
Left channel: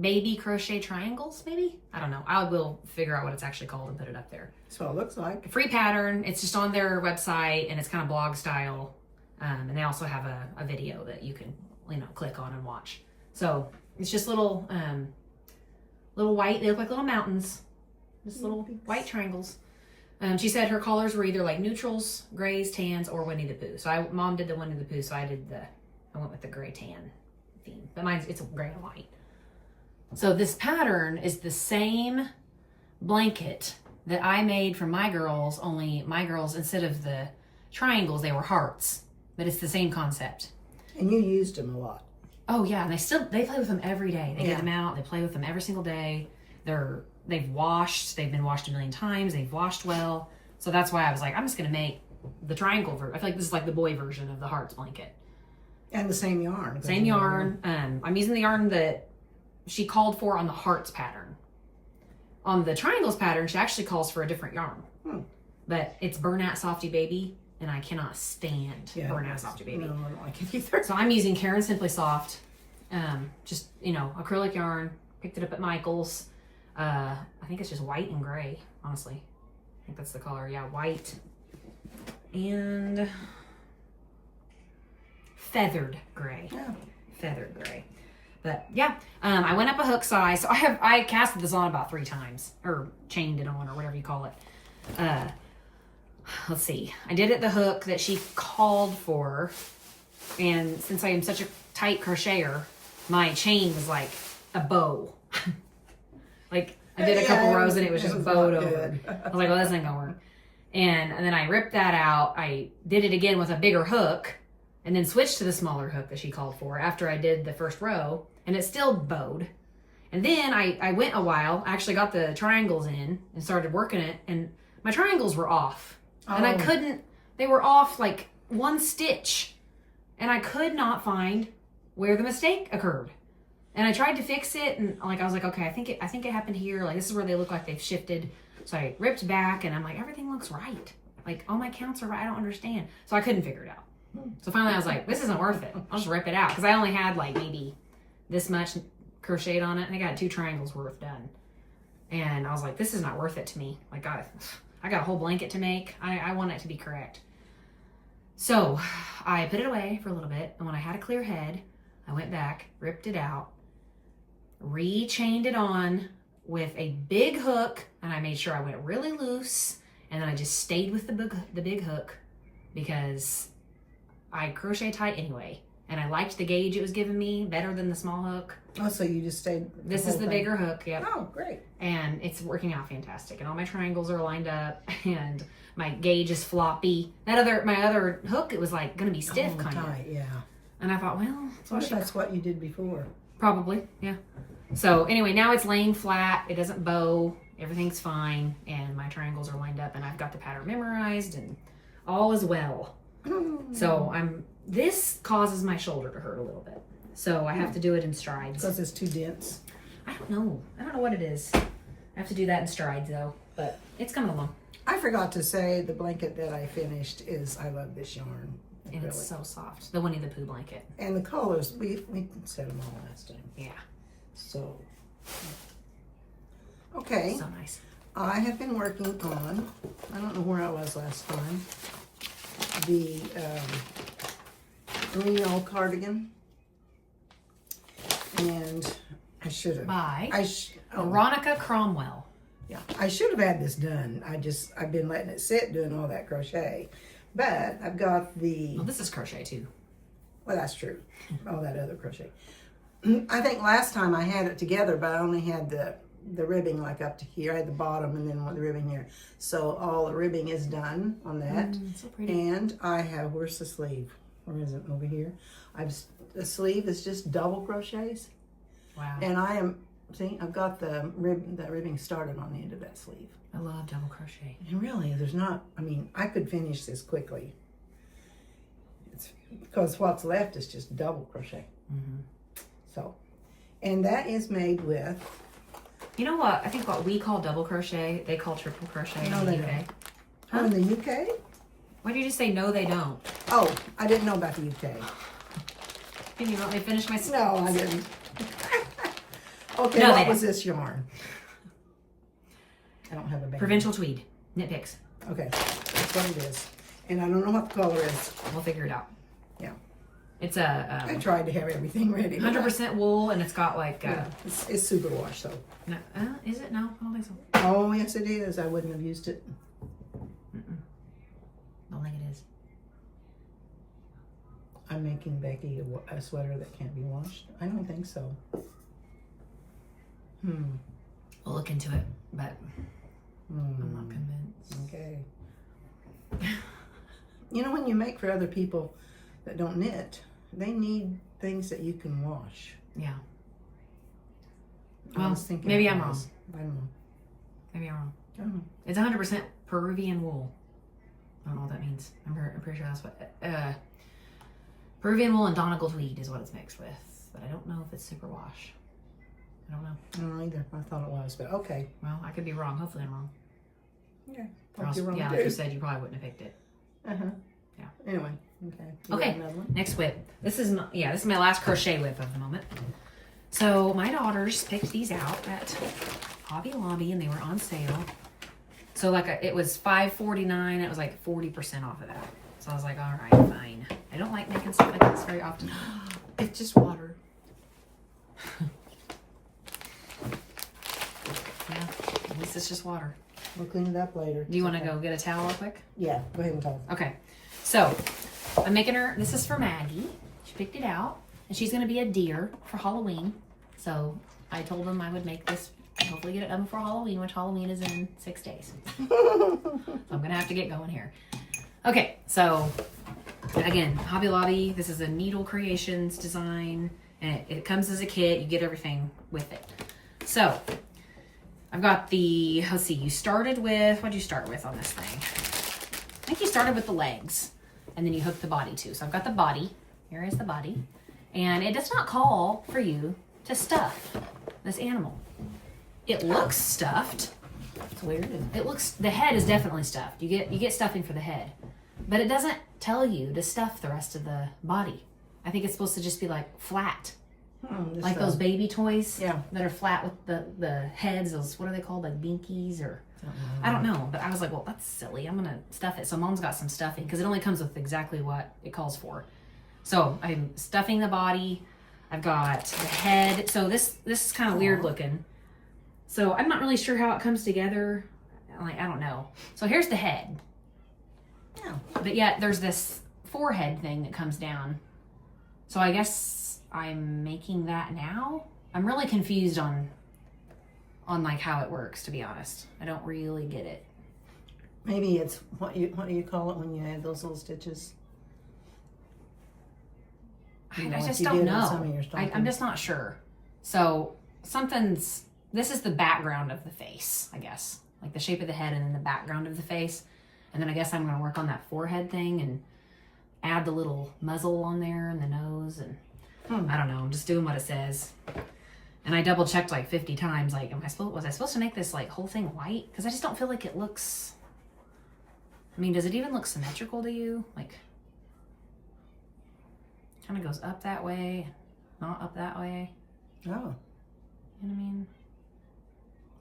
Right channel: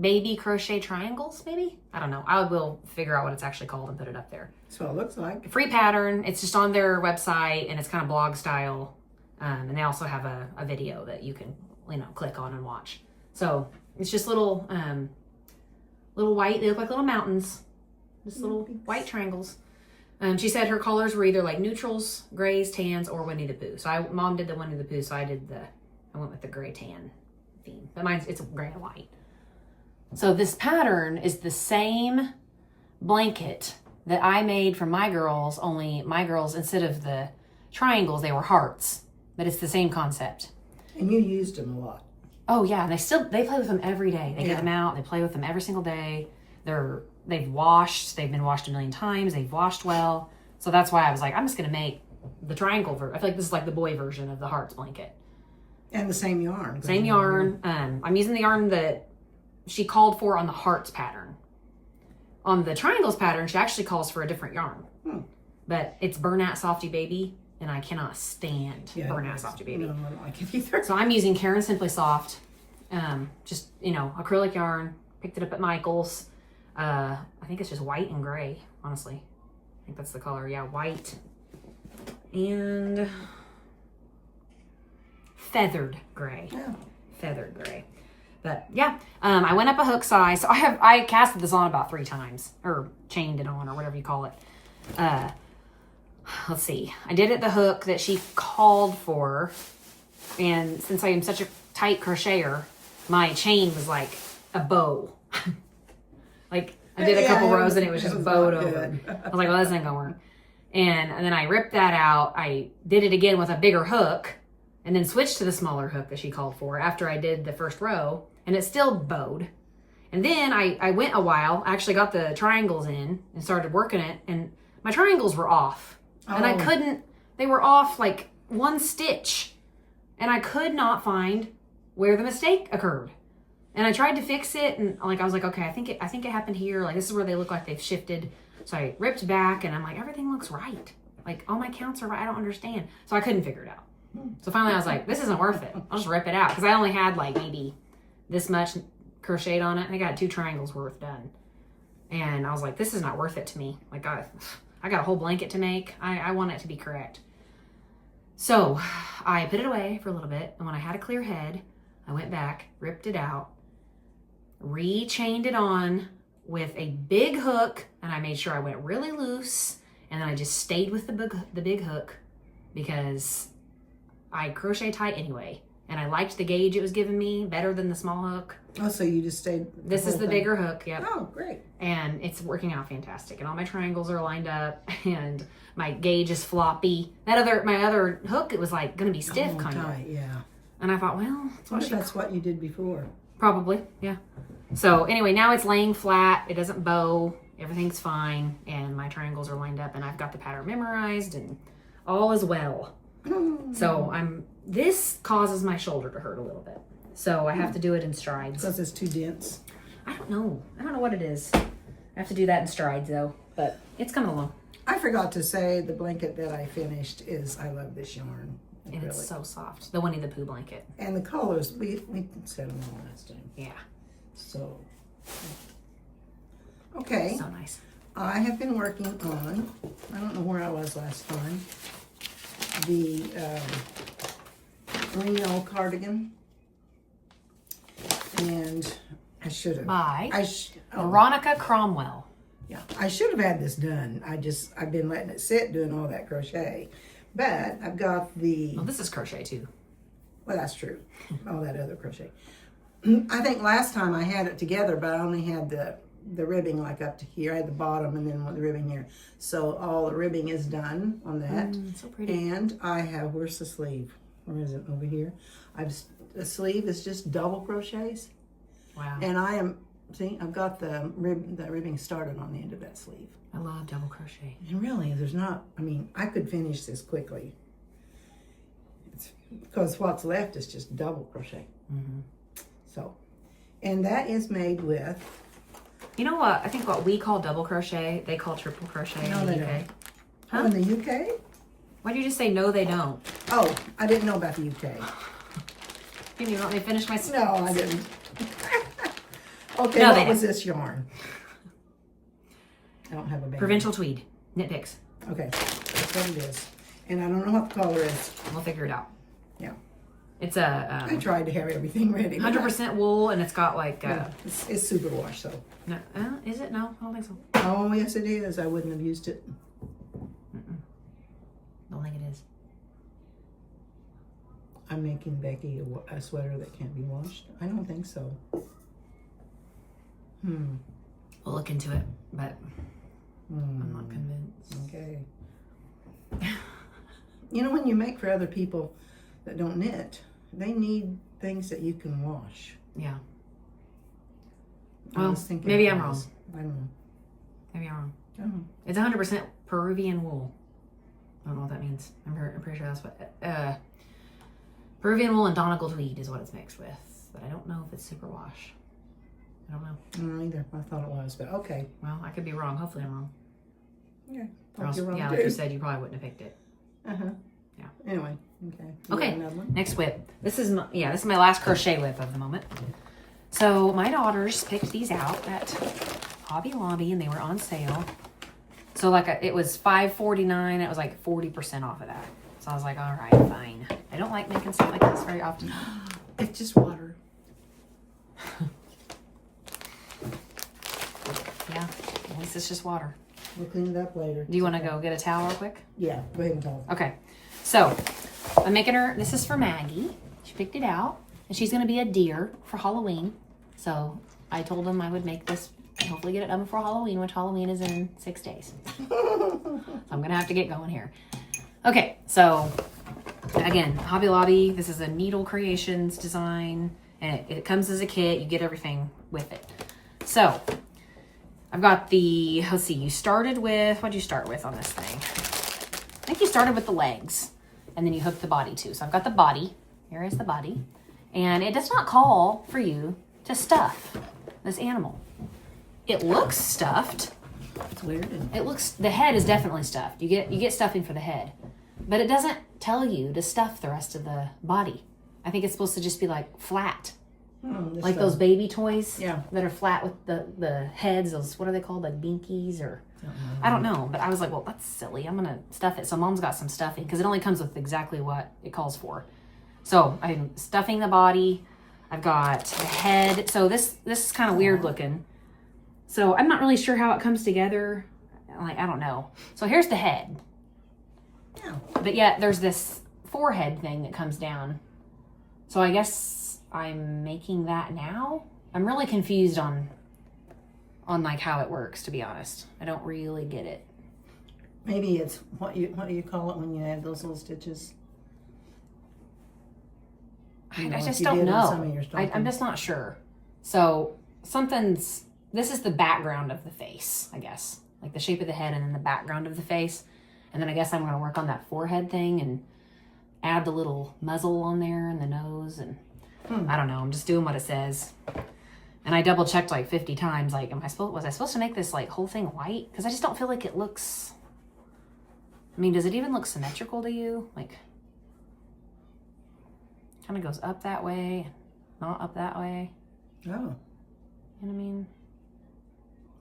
baby crochet triangles, maybe? I don't know. I will figure out what it's actually called and put it up there. That's what it looks like. Free pattern. It's just on their website and it's kind of blog style. And they also have a video that you can, click on and watch. So it's just little white, they look like little mountains. Just little white triangles. She said her colors were either like neutrals, grays, tans, or Winnie the Pooh. So Mom did the Winnie the Pooh, so I went with the gray tan theme. But it's gray and white. So this pattern is the same blanket that I made for my girls, only my girls, instead of the triangles, they were hearts. But it's the same concept. And you used them a lot. Oh yeah, and they play with them every day. They get them out, they play with them every single day. They've been washed a million times, they've washed well. So that's why I was like, I'm just gonna make the triangle version. I feel like this is like the boy version of the hearts blanket. And the same yarn. Same yarn. I'm using the yarn that she called for on the hearts pattern. On the triangles pattern, she actually calls for a different yarn. But it's Bernat Softy Baby, and I cannot stand Bernat Softy Baby. No, I don't like it either. So I'm using Karen Simply Soft, just, acrylic yarn. Picked it up at Michael's. I think it's just white and gray, honestly. I think that's the color. Yeah, white and feathered gray. Yeah. Feathered gray. But yeah, I went up a hook size. So I casted this on about 3 times, or chained it on, or whatever you call it. Let's see. I did it the hook that she called for, and since I am such a tight crocheter, my chain was like a bow. Like I did a couple rows and it was just bowed over. I was like, well, this ain't gonna work. And then I ripped that out. I did it again with a bigger hook, and then switched to the smaller hook that she called for after I did the first row, and it still bowed. And then I went a while, actually got the triangles in and started working it, and my triangles were off. And they were off like 1 stitch. And I could not find where the mistake occurred. And I tried to fix it, and I was like, okay, I think it happened here. Like, this is where they look like they've shifted. So I ripped back, and I'm like, everything looks right. Like, all my counts are right. I don't understand. So I couldn't figure it out. So finally I was like, this isn't worth it. I'll just rip it out. Because I only had like maybe this much crocheted on it. And I got 2 triangles worth done. And I was like, this is not worth it to me. Like, I got a whole blanket to make. I want it to be correct. So I put it away for a little bit. And when I had a clear head, I went back, ripped it out, re-chained it on with a big hook. And I made sure I went really loose. And then I just stayed with the big hook because I crochet tight anyway. And I liked the gauge it was giving me better than the small hook. Oh, so you just stayed. This is the bigger hook, yep. Oh, great. And it's working out fantastic. And all my triangles are lined up, and my gauge is floppy. My other hook, it was like going to be stiff, kind of. Yeah. And I thought, well, That's what you did before. Probably, yeah. So anyway, now it's laying flat. It doesn't bow. Everything's fine. And my triangles are lined up, and I've got the pattern memorized, and all is well. So this causes my shoulder to hurt a little bit. So I have to do it in strides. Because it's too dense. I don't know what it is. I have to do that in strides though, but it's coming along. I forgot to say the blanket that I finished I love this yarn. And it's so soft. The Winnie the Pooh blanket. And the colors, we said them all last time. Yeah. So, okay. So nice. I have been working on, I don't know where I was last time, the merino cardigan. And I should have. By Veronica Cromwell. Yeah, I should have had this done. I've been letting it sit doing all that crochet. But I've got the... Oh, this is crochet too. Well, that's true. All that other crochet. I think last time I had it together, but I only had the ribbing like up to here. I had the bottom and then the ribbing here. So all the ribbing is done on that. So pretty. And I have, where's the sleeve? Where is it? Over here. The sleeve is just double crochets. Wow. And I've got the ribbing started on the end of that sleeve. I love double crochet. And really, I could finish this quickly. Because what's left is just double crochet. Mm-hmm. So, and that is made with... You know what? I think what we call double crochet, they call triple crochet in the UK. Huh? Oh, in the UK? Why did you just say no, they don't? Oh, I didn't know about the UK. Can you let me finish my No, I didn't. Okay, No, what they was this yarn? I don't have a band. Provincial tweed. Knit picks. Okay, that's what it is. And I don't know what the color is. We'll figure it out. Yeah. It's a I tried to have everything ready. but 100% wool, and it's got like yeah, it's super wash, so. no, is it? No, I don't think so. Oh, yes it is. I wouldn't have used it. Don't think it is. I'm making Becky a sweater that can't be washed. I don't think so. We'll look into it, but I'm not convinced. Okay. You know, when you make for other people that don't knit, they need things that you can wash. Yeah. I Well, was thinking maybe of I'm this. wrong. I don't know. Maybe I'm wrong. I don't know. It's 100% Peruvian wool. I don't know what that means. I'm pretty sure that's what. Peruvian wool and Donegal tweed is what it's mixed with, but I don't know if it's superwash. I don't know. I don't know either. I thought it was, but okay. Well, I could be wrong. Hopefully, I'm wrong. Yeah. Or else, You're wrong yeah, too. like you said, you probably wouldn't have picked it. Yeah. Anyway, okay. You Okay. got another one? Next whip. This is my last crochet whip of the moment. So my daughters picked these out at Hobby Lobby, and they were on sale. So like it was $5.49. It was like 40% off of that. So I was like, all right, fine. I don't like making stuff like this very often. It's just water. Yeah, at least it's just water. We'll clean it up later. Do you want to go get a towel real quick? Yeah, go ahead and tell us. Okay. So I'm making her. This is for Maggie. She picked it out, and she's gonna be a deer for Halloween. So I told them I would make this. Hopefully get it done before Halloween, which Halloween is in 6 days. So I'm gonna have to get going here. Okay, so again, Hobby Lobby. This is a Needle Creations design, and it comes as a kit. You get everything with it. So I've got the. Let's see. You started with what'd you start with on this thing? I think you started with the legs, and then you hooked the body too. So I've got the body. Here is the body, and it does not call for you to stuff this animal. It looks stuffed. It's weird. It looks, the head is definitely stuffed. You get stuffing for the head, but it doesn't tell you to stuff the rest of the body. I think it's supposed to just be like flat, like those baby toys that are flat with the heads. Those, what are they called? Like binkies or I don't know. But I was like, well, that's silly. I'm gonna stuff it. So Mom's got some stuffing because it only comes with exactly what it calls for. So I'm stuffing the body. I've got the head. So this is kind of weird looking. So I'm not really sure how it comes together. Like, I don't know. So here's the head. Yeah. But yet there's this forehead thing that comes down. So I guess I'm making that now. I'm really confused on like how it works, to be honest. I don't really get it. Maybe it's what do you call it when you add those little stitches? I like just you don't did on know. some of your I'm stockings. just not sure. So this is the background of the face, I guess. Like the shape of the head and then the background of the face. And then I guess I'm going to work on that forehead thing and add the little muzzle on there and the nose. And I don't know. I'm just doing what it says. And I double checked like 50 times. Like, was I supposed to make this like whole thing white? Because I just don't feel like it looks, I mean, does it even look symmetrical to you? Like, kind of goes up that way, not up that way. Oh. You know what I mean?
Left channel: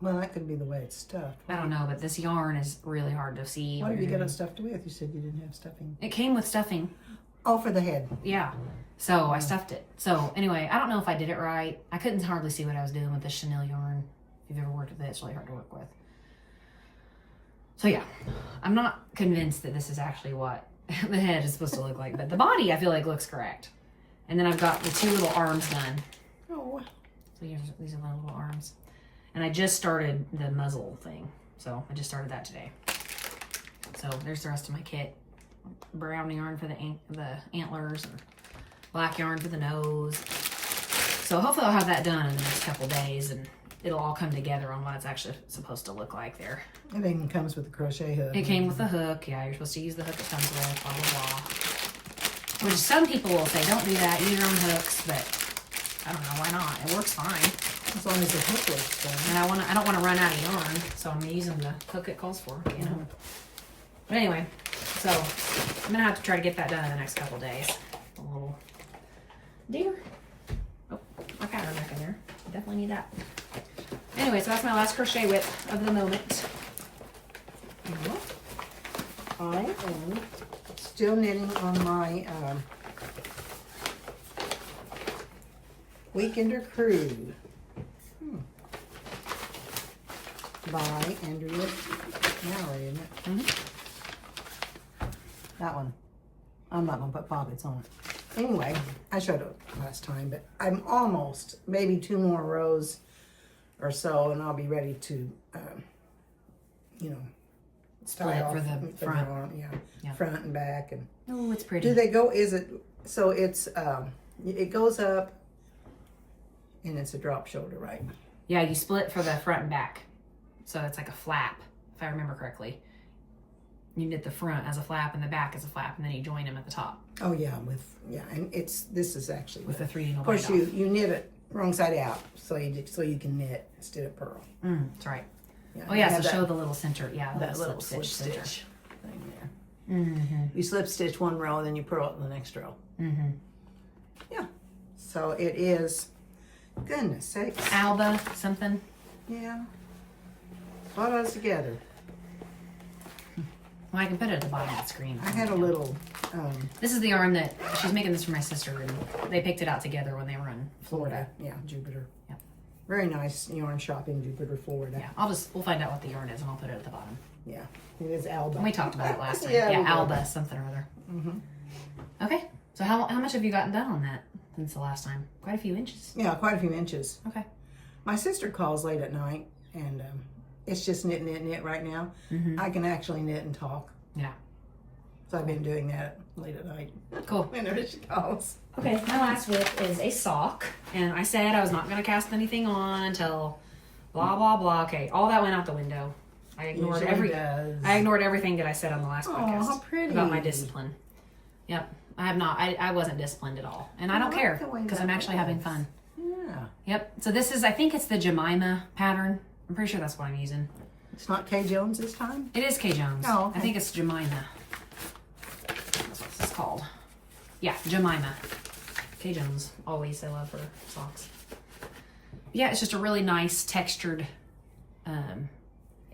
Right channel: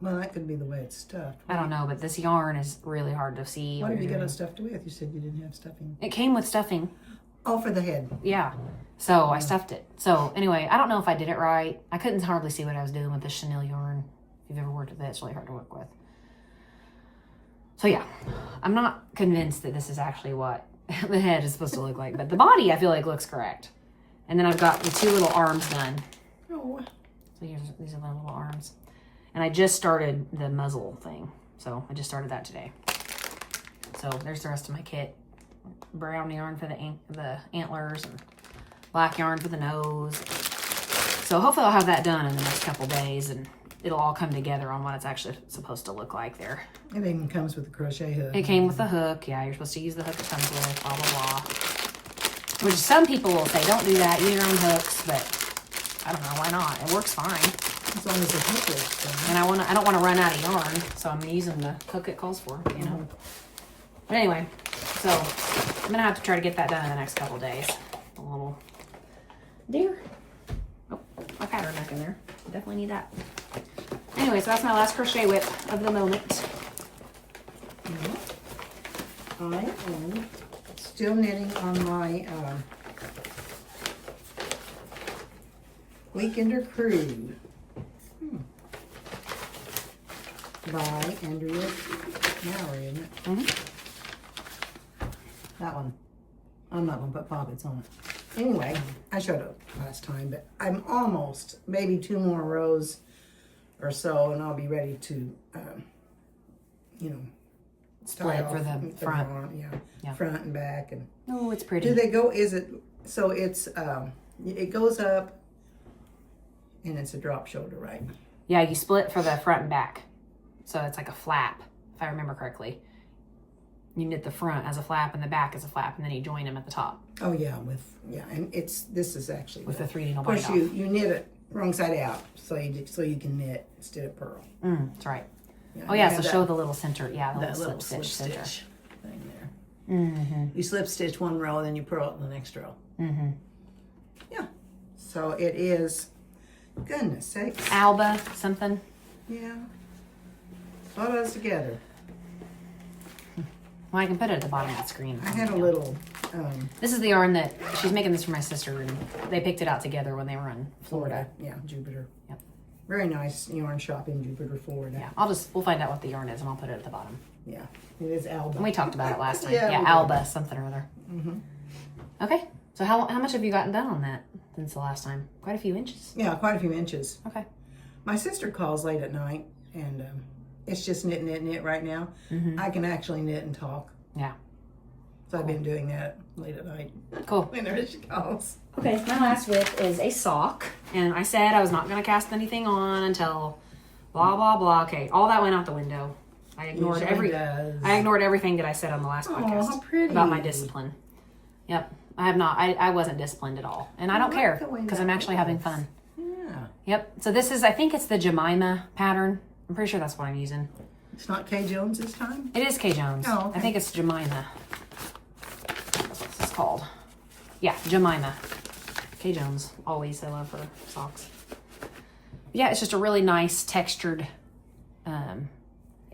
Well, that could be the way it's stuffed. I don't know, but this yarn is really hard to see. What did you you're get it doing. stuffed with? You said you didn't have stuffing. It came with stuffing. Oh, for the head. Yeah. So I stuffed it. So anyway, I don't know if I did it right. I couldn't hardly see what I was doing with the chenille yarn. If you've ever worked with it, it's really hard to work with. So yeah, I'm not convinced that this is actually what the head is supposed to look like, but the body I feel like looks correct. And then I've got the 2 little arms done. Oh. So these are my little arms. And I just started the muzzle thing. So I just started that today. So there's the rest of my kit. Brown yarn for the antlers and black yarn for the nose. So hopefully I'll have that done in the next couple days and it'll all come together on what it's actually supposed to look like there. Everything comes with a crochet hook. It came with a hook. Yeah, you're supposed to use the hook it comes with, blah, blah, blah. Which some people will say, don't do that, use your own hooks, but I don't know, why not? It works fine. As long as the hook works. And I don't want to run out of yarn, so I'm using the hook it calls for, you know. But anyway, So I'm gonna have to try to get that done in the next couple days. A little deer. Oh, my pattern back in there. Definitely need that. Anyway, so that's my last crochet whip of the moment. I am still knitting on my Weekender Crew by Andrea Mallory, isn't it? Mm-hmm. That one. I'm not going to put pockets on it. Anyway, I showed it last time, but I'm almost, maybe 2 more rows or so, and I'll be ready to, you know, Split tie it for off the front. arm, Yeah. front and back. And Oh, it's pretty. do they go, is it, so it's, it goes up and it's a drop shoulder, right? Yeah, you split for the front and back. So it's like a flap, if I remember correctly. You knit the front as a flap and the back as a flap, and then you join them at the top Oh yeah, and this is actually, with the 3 needle of course bind off. you knit it wrong side out, so you can knit instead of purl. That's right. Yeah, Oh yeah, I have so show the little center. Yeah, that the little slip slip stitch stitch center. thing there. Mm-hmm. You slip stitch one row, then you purl it in the next row. Mm-hmm. Yeah. So it is, goodness sakes. Alba something. Yeah. A lot of those together. Well, I can put it at the bottom of the screen. I had a little, This is the yarn that she's making this for my sister, and they picked it out together when they were in Florida. Yeah, Jupiter. Yep. Very nice yarn shop in Jupiter, Florida. Yeah, we'll find out what the yarn is, and I'll put it at the bottom. Yeah. It is Alba. And we talked about it last time. Yeah, we Yeah, did. Alba something or other. Mm-hmm. Okay, so how much have you gotten done on that since the last time? Quite a few inches. Yeah, quite a few inches. Okay. My sister calls late at night, and it's just knit right now. Mm-hmm. I can actually knit and talk. Yeah. So I've been doing that late at night. Cool. Whenever she calls. Okay, my last whip is a sock, and I said I was not going to cast anything on until blah blah blah. Okay, all that went out the window. I ignored Usually does. I ignored everything that I said on the last Oh, podcast how pretty. about my discipline. Yep, I have not. I wasn't disciplined at all, and I don't like care the way because that I'm actually having looks. fun. Yeah. Yep. So this is, I think it's the Jemima pattern. I'm pretty sure that's what I'm using. It's not Kay Jones this time? It is Kay Jones. Oh, okay. I think it's Jemima. That's what this is called. Yeah, Jemima. Kay Jones. Always I love her socks. Yeah, it's just a really nice textured,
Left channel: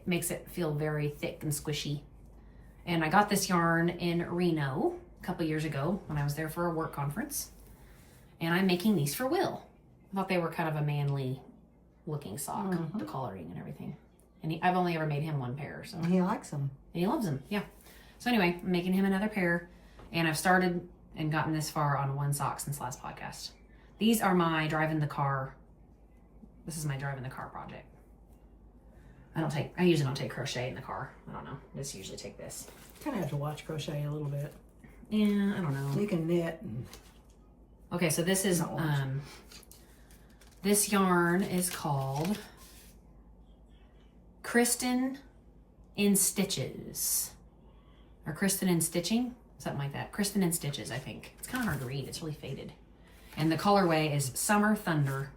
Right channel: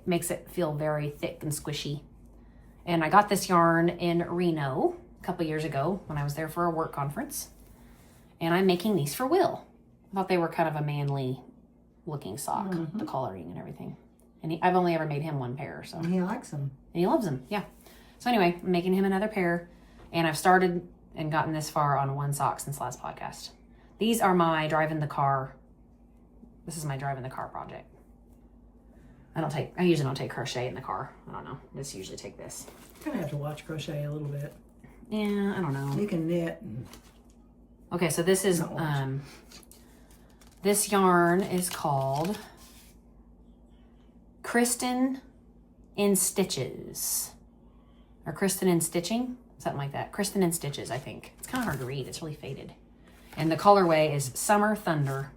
makes it feel very thick and squishy. And I got this yarn in Reno a couple years ago when I was there for a work conference. And I'm making these for Will. I thought they were kind of a manly looking sock, the coloring and everything. And I've only ever made him one pair, so. He likes them. And he loves them, yeah. So anyway, I'm making him another pair. And I've started and gotten this far on one sock since last podcast. These are my driving the car. This is my driving the car project. I usually don't take crochet in the car. I don't know. I just usually take this. Kind of have to watch crochet a little bit. Yeah, I don't know. You can knit. And Okay, so this is, Not much. this yarn is called Kristen in Stitches. Or Kristen in Stitching, something like that. Kristen in Stitches, I think. It's kind of hard to read. It's really faded. And the colorway is Summer Thunder.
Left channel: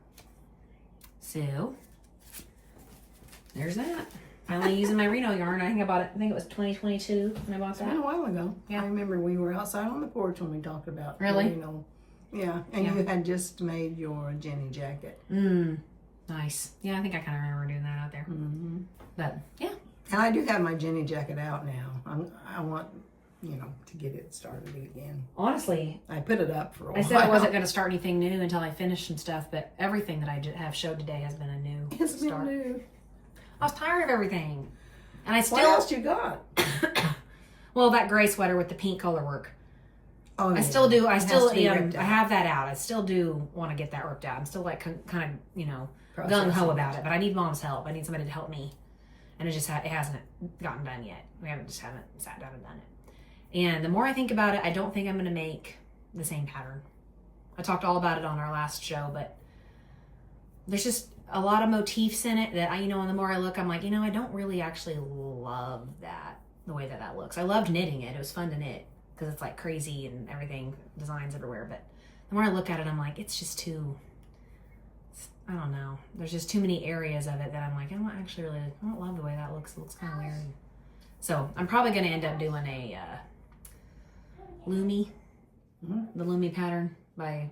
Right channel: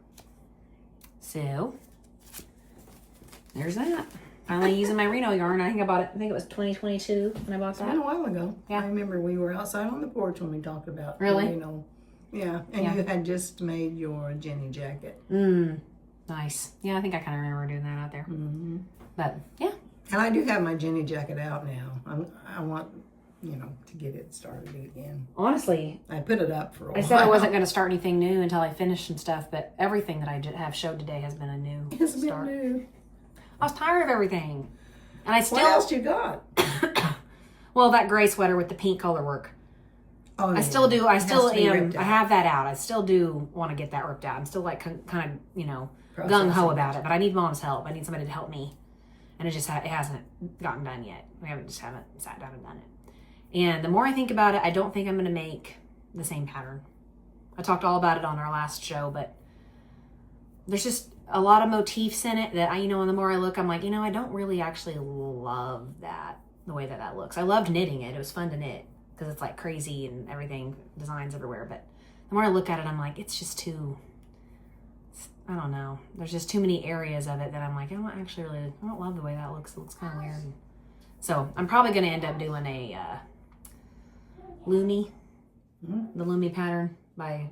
So, there's that. Finally using my Reno yarn. I think it was 2022 when I bought it's been a that. while ago. Yeah. I remember we were outside on the porch when we talked about Really? You know. Yeah, and Yeah. you had just made your Jenny jacket. Nice. Yeah, I think I kind of remember doing that out there. Mm-hmm. But, yeah. And I do have my Jenny jacket out now. I want, to get it started again. Honestly, I put it up for a while. I said I wasn't going to start anything new until I finished and stuff, but everything that I have showed today has been a new It's been start. new. I was tired of everything. And I What else still, you got? well, that gray sweater with the pink color work. Oh, I still do, I It has still to be am, ripped I out. have that out. I still do want to get that ripped out. I'm still like kind of, Processing. gung-ho about it, but I need Mom's help. I need somebody to help me. And it just, it hasn't gotten done yet. We haven't sat down and done it. And the more I think about it, I don't think I'm going to make the same pattern. I talked all about it on our last show, but there's just a lot of motifs in it that and the more I look, I'm like, I don't really actually love that, the way that looks. I loved knitting it. It was fun to knit because it's like crazy and everything, designs everywhere. But the more I look at it, I'm like, it's just too, I don't know. There's just too many areas of it that I'm like, I don't love the way that looks. It looks kind of weird. So I'm probably going to end up doing a Lumi, the Lumi pattern by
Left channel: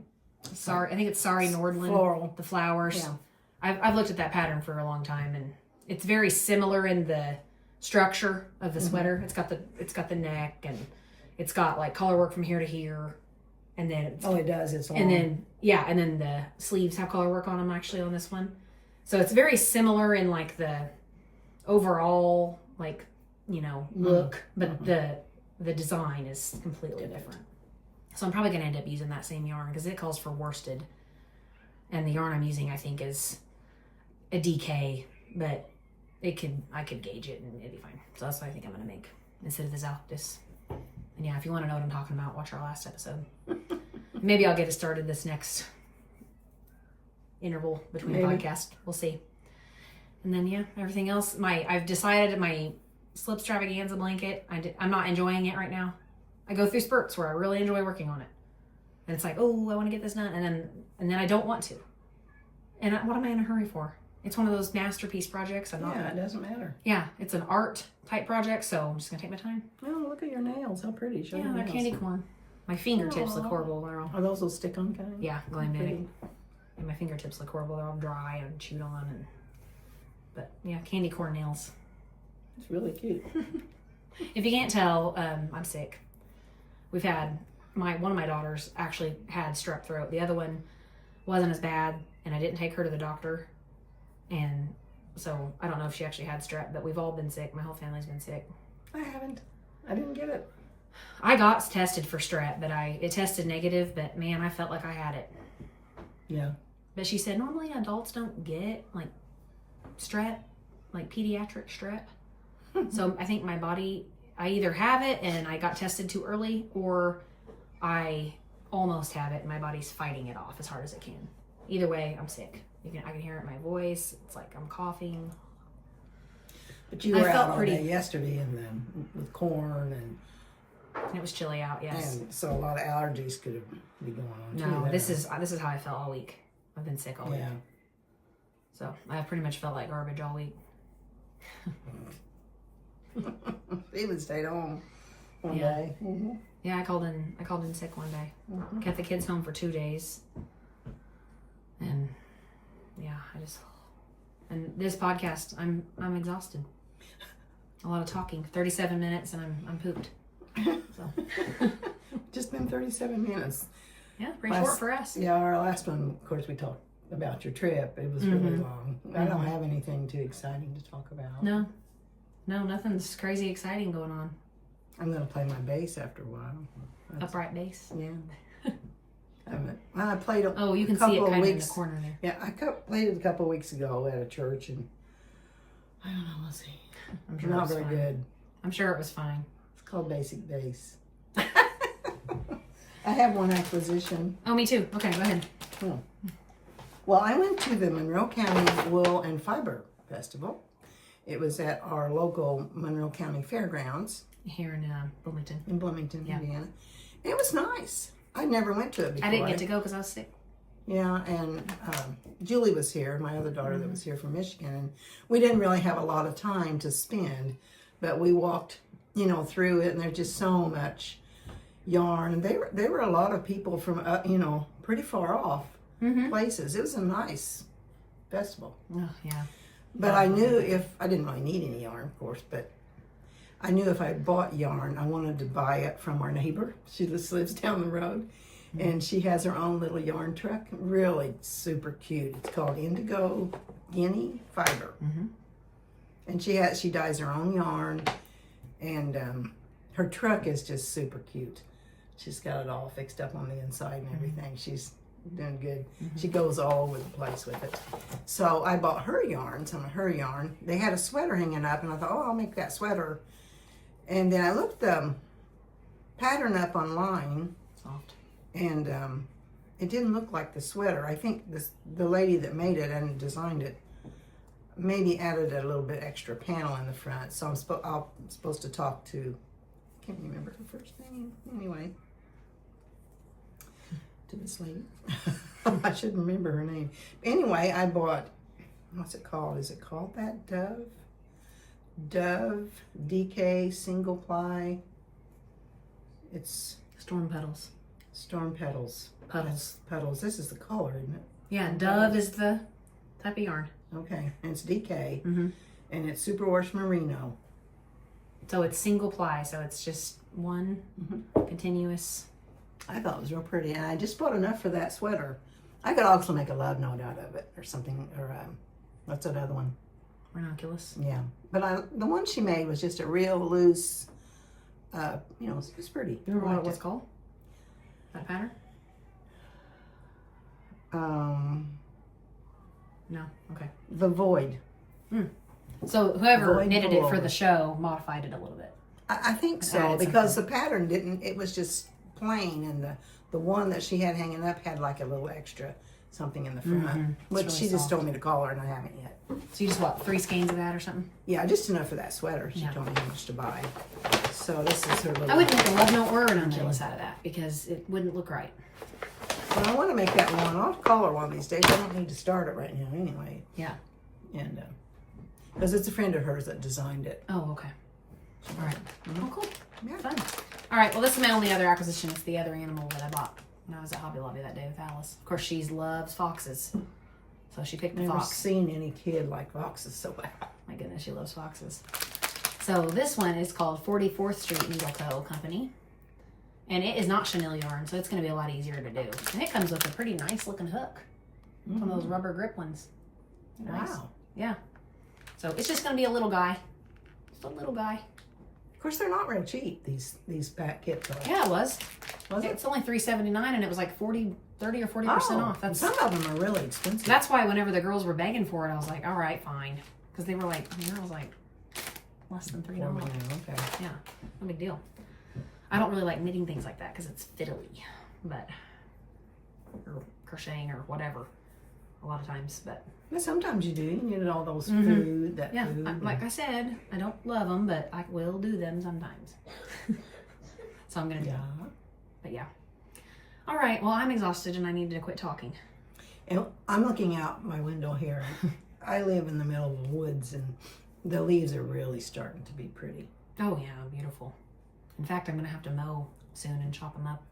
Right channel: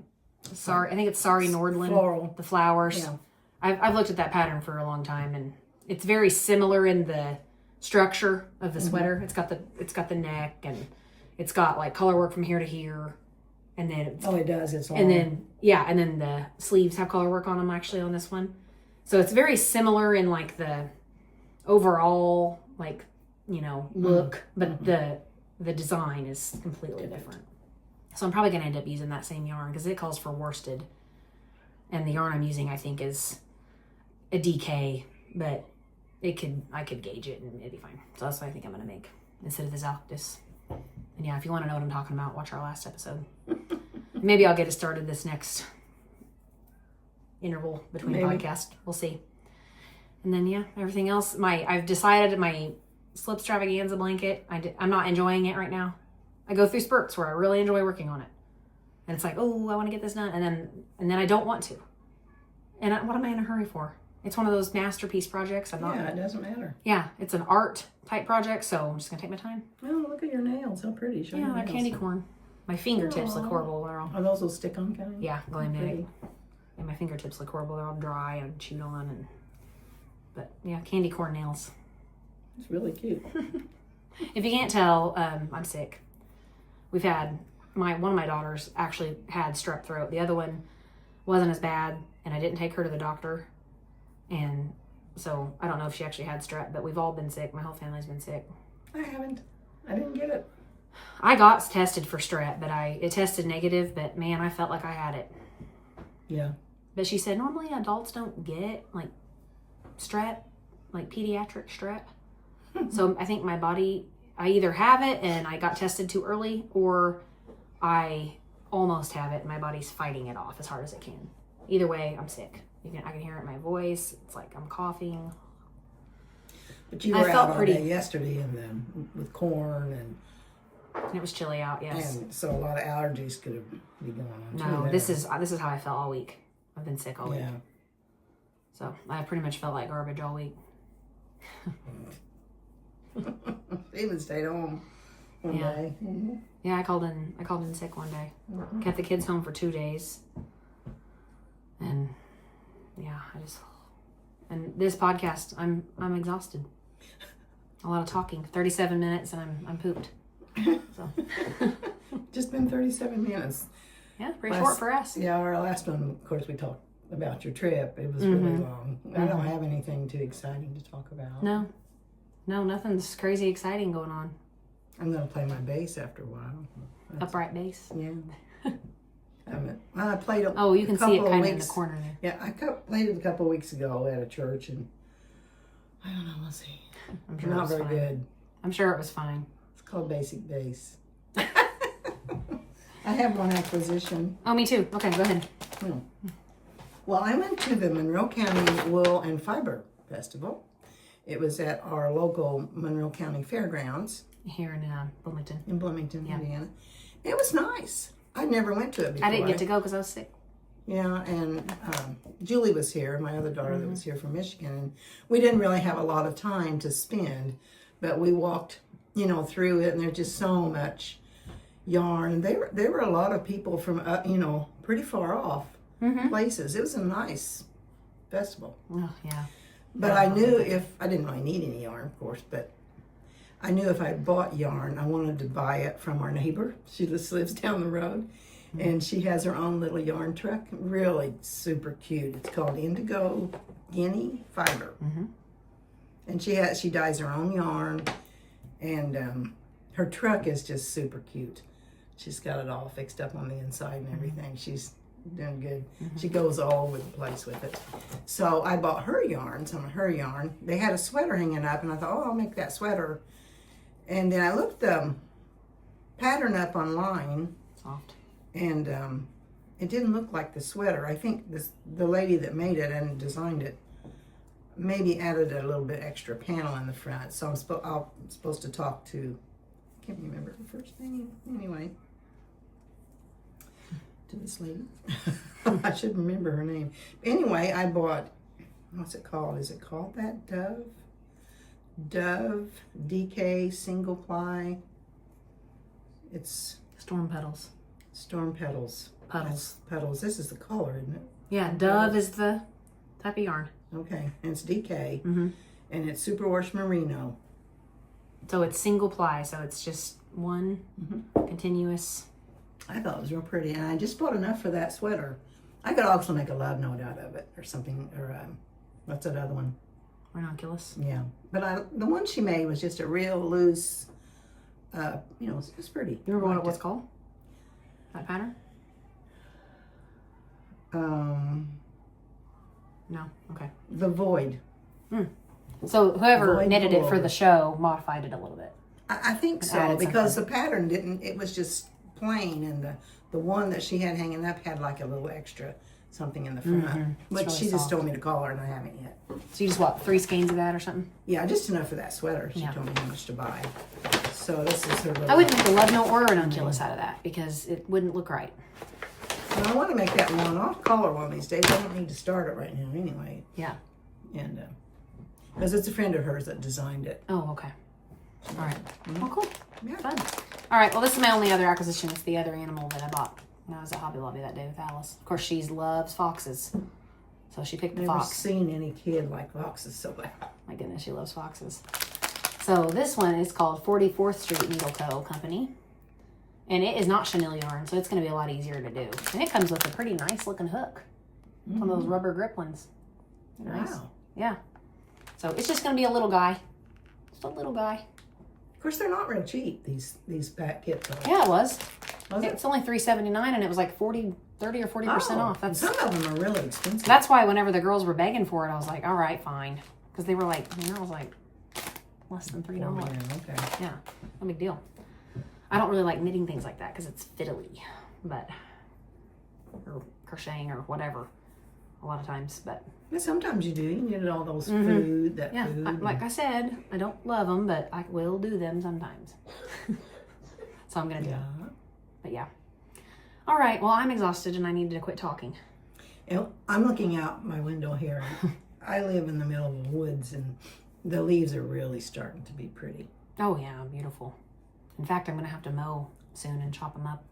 I think it's Sari Nordland. Floral. The flowers. Yeah. I've looked at that pattern for a long time, and it's very similar in the structure of the sweater. It's got the neck, and it's got like color work from here to here, and then it does. It's long. and then the sleeves have color work on them actually on this one. So it's very similar in like the overall like look, but the design is completely different. So I'm probably going to end up using that same yarn because it calls for worsted. And the yarn I'm using, I think, is a DK, but I could gauge it and it'd be fine. So that's what I think I'm going to make instead of the Zalctis. And yeah, if you want to know what I'm talking about, watch our last episode. Maybe I'll get it started this next interval between podcasts. We'll see. And then, yeah, everything else. I've decided my Slip Stravaganza blanket, I'm not enjoying it right now. I go through spurts where I really enjoy working on it. And it's like, oh, I want to get this done. And then I don't want to. And what am I in a hurry for? It's one of those masterpiece projects. It doesn't matter. Yeah, it's an art type project, so I'm just going to take my time. Oh, look at your nails. How pretty. Show your nails. Candy corn. My fingertips look horrible. They're all... Are those little stick-on kind? Yeah, going in. And my fingertips look horrible. They're all dry and chewed on. But yeah, candy corn nails. It's really cute. If you can't tell, I'm sick. We've had one of my daughters actually had strep throat. The other one wasn't as bad, and I didn't take her to the doctor. And so I don't know if she actually had strep, but we've all been sick. My whole family's been sick. I haven't. I didn't get it. I got tested for strep, but it tested negative, but man, I felt like I had it. Yeah. But she said normally adults don't get like strep, like pediatric strep. So I think my body, I either have it and I got tested too early, or I almost have it and my body's fighting it off as hard as it can. Either way, I'm sick. I can hear it in my voice. It's like I'm coughing. But you were out all day yesterday with corn and it was chilly out. Yes. And so a lot of allergies could have been going on. No, too this is how I felt all week. I've been sick all week. Yeah. So I pretty much felt like garbage all week. Even stayed home one day. Mm-hmm. Yeah, I called in sick one day. Mm-hmm. Kept the kids home for 2 days. And yeah, and this podcast, I'm exhausted. A lot of talking. 37 minutes and I'm pooped. So just been 37 minutes. Yeah, pretty short for us. Yeah, our last one, of course, we talked about your trip. It was really long. I don't have anything too exciting to talk about. No, nothing's crazy exciting going on. I'm going to play my bass after a while. Upright bass? Yeah. I played it you can see it kind of in the corner there. Yeah, I played it a couple of weeks ago at a church, and I don't know, we'll see. I'm sure not very good. I'm sure it was fine. It's called basic bass. I have one acquisition. Oh, me too. Okay, go ahead. Well, I went to the Monroe County Wool and Fiber Festival. It was at our local Monroe County Fairgrounds. Here in Bloomington. In Bloomington, Indiana. It was nice. I never went to it before. I didn't get to go because I was sick. Yeah, and Julie was here, my other daughter that was here from Michigan, and we didn't really have a lot of time to spend, but we walked, through it, and there's just so much yarn. And there were a lot of people from, pretty far off places. It was a nice festival. Oh, yeah. But I knew I didn't really need any yarn, of course, but I knew if I bought yarn, I wanted to buy it from our neighbor. She just lives down the road, and she has her own little yarn truck. Really super cute. It's called Indigo Guinea Fiber. And she dyes her own yarn, and her truck is just super cute. She's got it all fixed up on the inside and everything. She's doing good. She goes all over the place with it. So I bought her yarn, some of her yarn. They had a sweater hanging up, and I thought, I'll make that sweater. And then I looked the pattern up online. Soft. And it didn't look like the sweater. I think the lady that made it and designed it maybe added a little bit extra panel in the front. So I'm supposed to talk to, I can't remember her first name. Anyway, to this lady. I should remember her name. Anyway, I bought, what's it called? Is it called that Dove? Dove DK single ply. It's Storm petals. Storm Petals. Puddles. Petals. This is the color, isn't it? Yeah, Dove is the type of yarn. Okay, and it's DK, Mm-hmm. and it's Superwash Merino. So it's single ply, so it's just one continuous. I thought it was real pretty, and I just bought enough for that sweater. I could also make a love note out of it, or something, or what's that other one? Ranunculus. Yeah, but the one she made was just a real loose. You know, it's pretty. You remember what Liked it was called? That pattern? No. Okay. The Void. So whoever Void knitted it for pullover. the show modified it a little bit. I think And so, added because the pattern didn't. It was just plain, and the one that she had hanging up had like a little extra something in the front, which really she just soft. told me to call her, and I haven't yet. So you just what, 3 skeins of that or something? Yeah, just enough for that sweater. She Yeah. told me how much to buy. So this is her little. I wouldn't make a love note or a ranunculus out of that because it wouldn't look right. Well, I want to make that one. I'll call her one of these days. I don't need to start it right now anyway. Yeah. And because it's a friend of hers that designed it. Oh, okay. All right. Well, cool. Yeah. Fun. All right. Well, this is my only other acquisition. It's the other animal that I bought when I was at Hobby Lobby that day with Alice. Of course, she loves foxes. So she picked the Never fox. seen any kid like foxes so bad. My goodness, she loves foxes. So this one is called 44th Street Needle Co. Company. And it is not chenille yarn, so it's going to be a lot easier to do. And it comes with a pretty nice looking hook. One of those rubber grip ones. Nice. Wow. Yeah. So it's just going to be a little guy. Just a little guy. Of course, they're not real cheap. These pack kits are. Yeah, it was. Was it? It's only $3.79 and it was like 30 or 40% off. That's Some of them are really expensive. That's why whenever the girls were begging for it, I was like, all right, fine. Because they were like, I was like, less than $3. Okay. Yeah, no big deal. I don't really like knitting things like that because it's fiddly, but, or crocheting or whatever, a lot of times, but. Yeah, sometimes you do. You need all those food, that Yeah, food. like I said, I don't love them, but I will do them sometimes. So I'm going to do it. But yeah. All right, well, I'm exhausted and I need to quit talking. And I'm looking out my window here. I live in the middle of the woods, and the leaves are really starting to be pretty. Oh, yeah, beautiful. In fact, I'm going to have to mow soon and chop them up.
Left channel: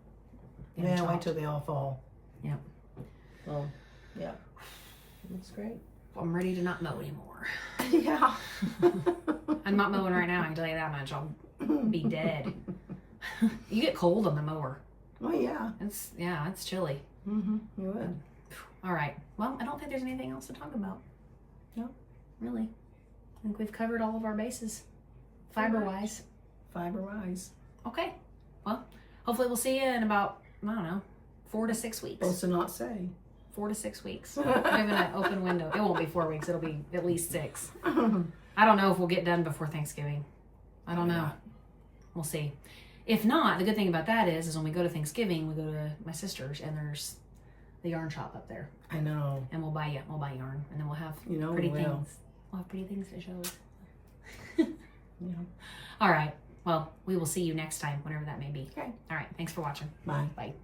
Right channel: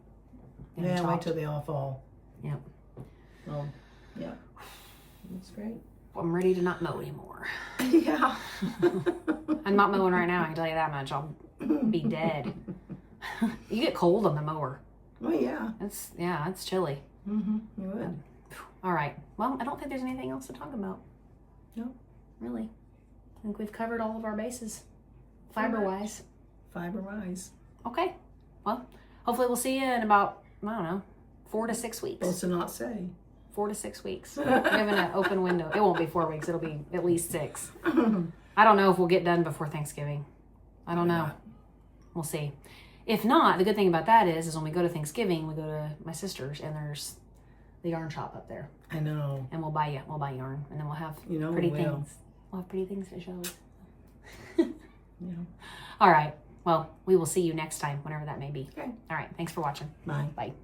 Get 'em Yeah, wait chopped. till they all fall. Yep. Well, yeah. That's great. I'm ready to not mow anymore. Yeah. I'm not mowing right now, I can tell you that much. I'll be dead. You get cold on the mower. Well, yeah. It's chilly. You would. All right. Well, I don't think there's anything else to talk about. No. Really. I think we've covered all of our bases, fiber-wise. Fiber-wise. Okay. Well, hopefully we'll see you in about, I don't know, 4 to 6 weeks. Supposed to not say. 4 to 6 weeks. We're giving an open window. It won't be 4 weeks. It'll be at least 6. I don't know if we'll get done before Thanksgiving. I don't know. We'll see. If not, the good thing about that is when we go to Thanksgiving, we go to my sister's and there's the yarn shop up there. I know. And we'll buy yarn and then we'll have You know pretty we will. things. We'll have pretty things to show. Yeah. All right. Well, we will see you next time, whenever that may be. Okay. All right. Thanks for watching. Bye. Bye.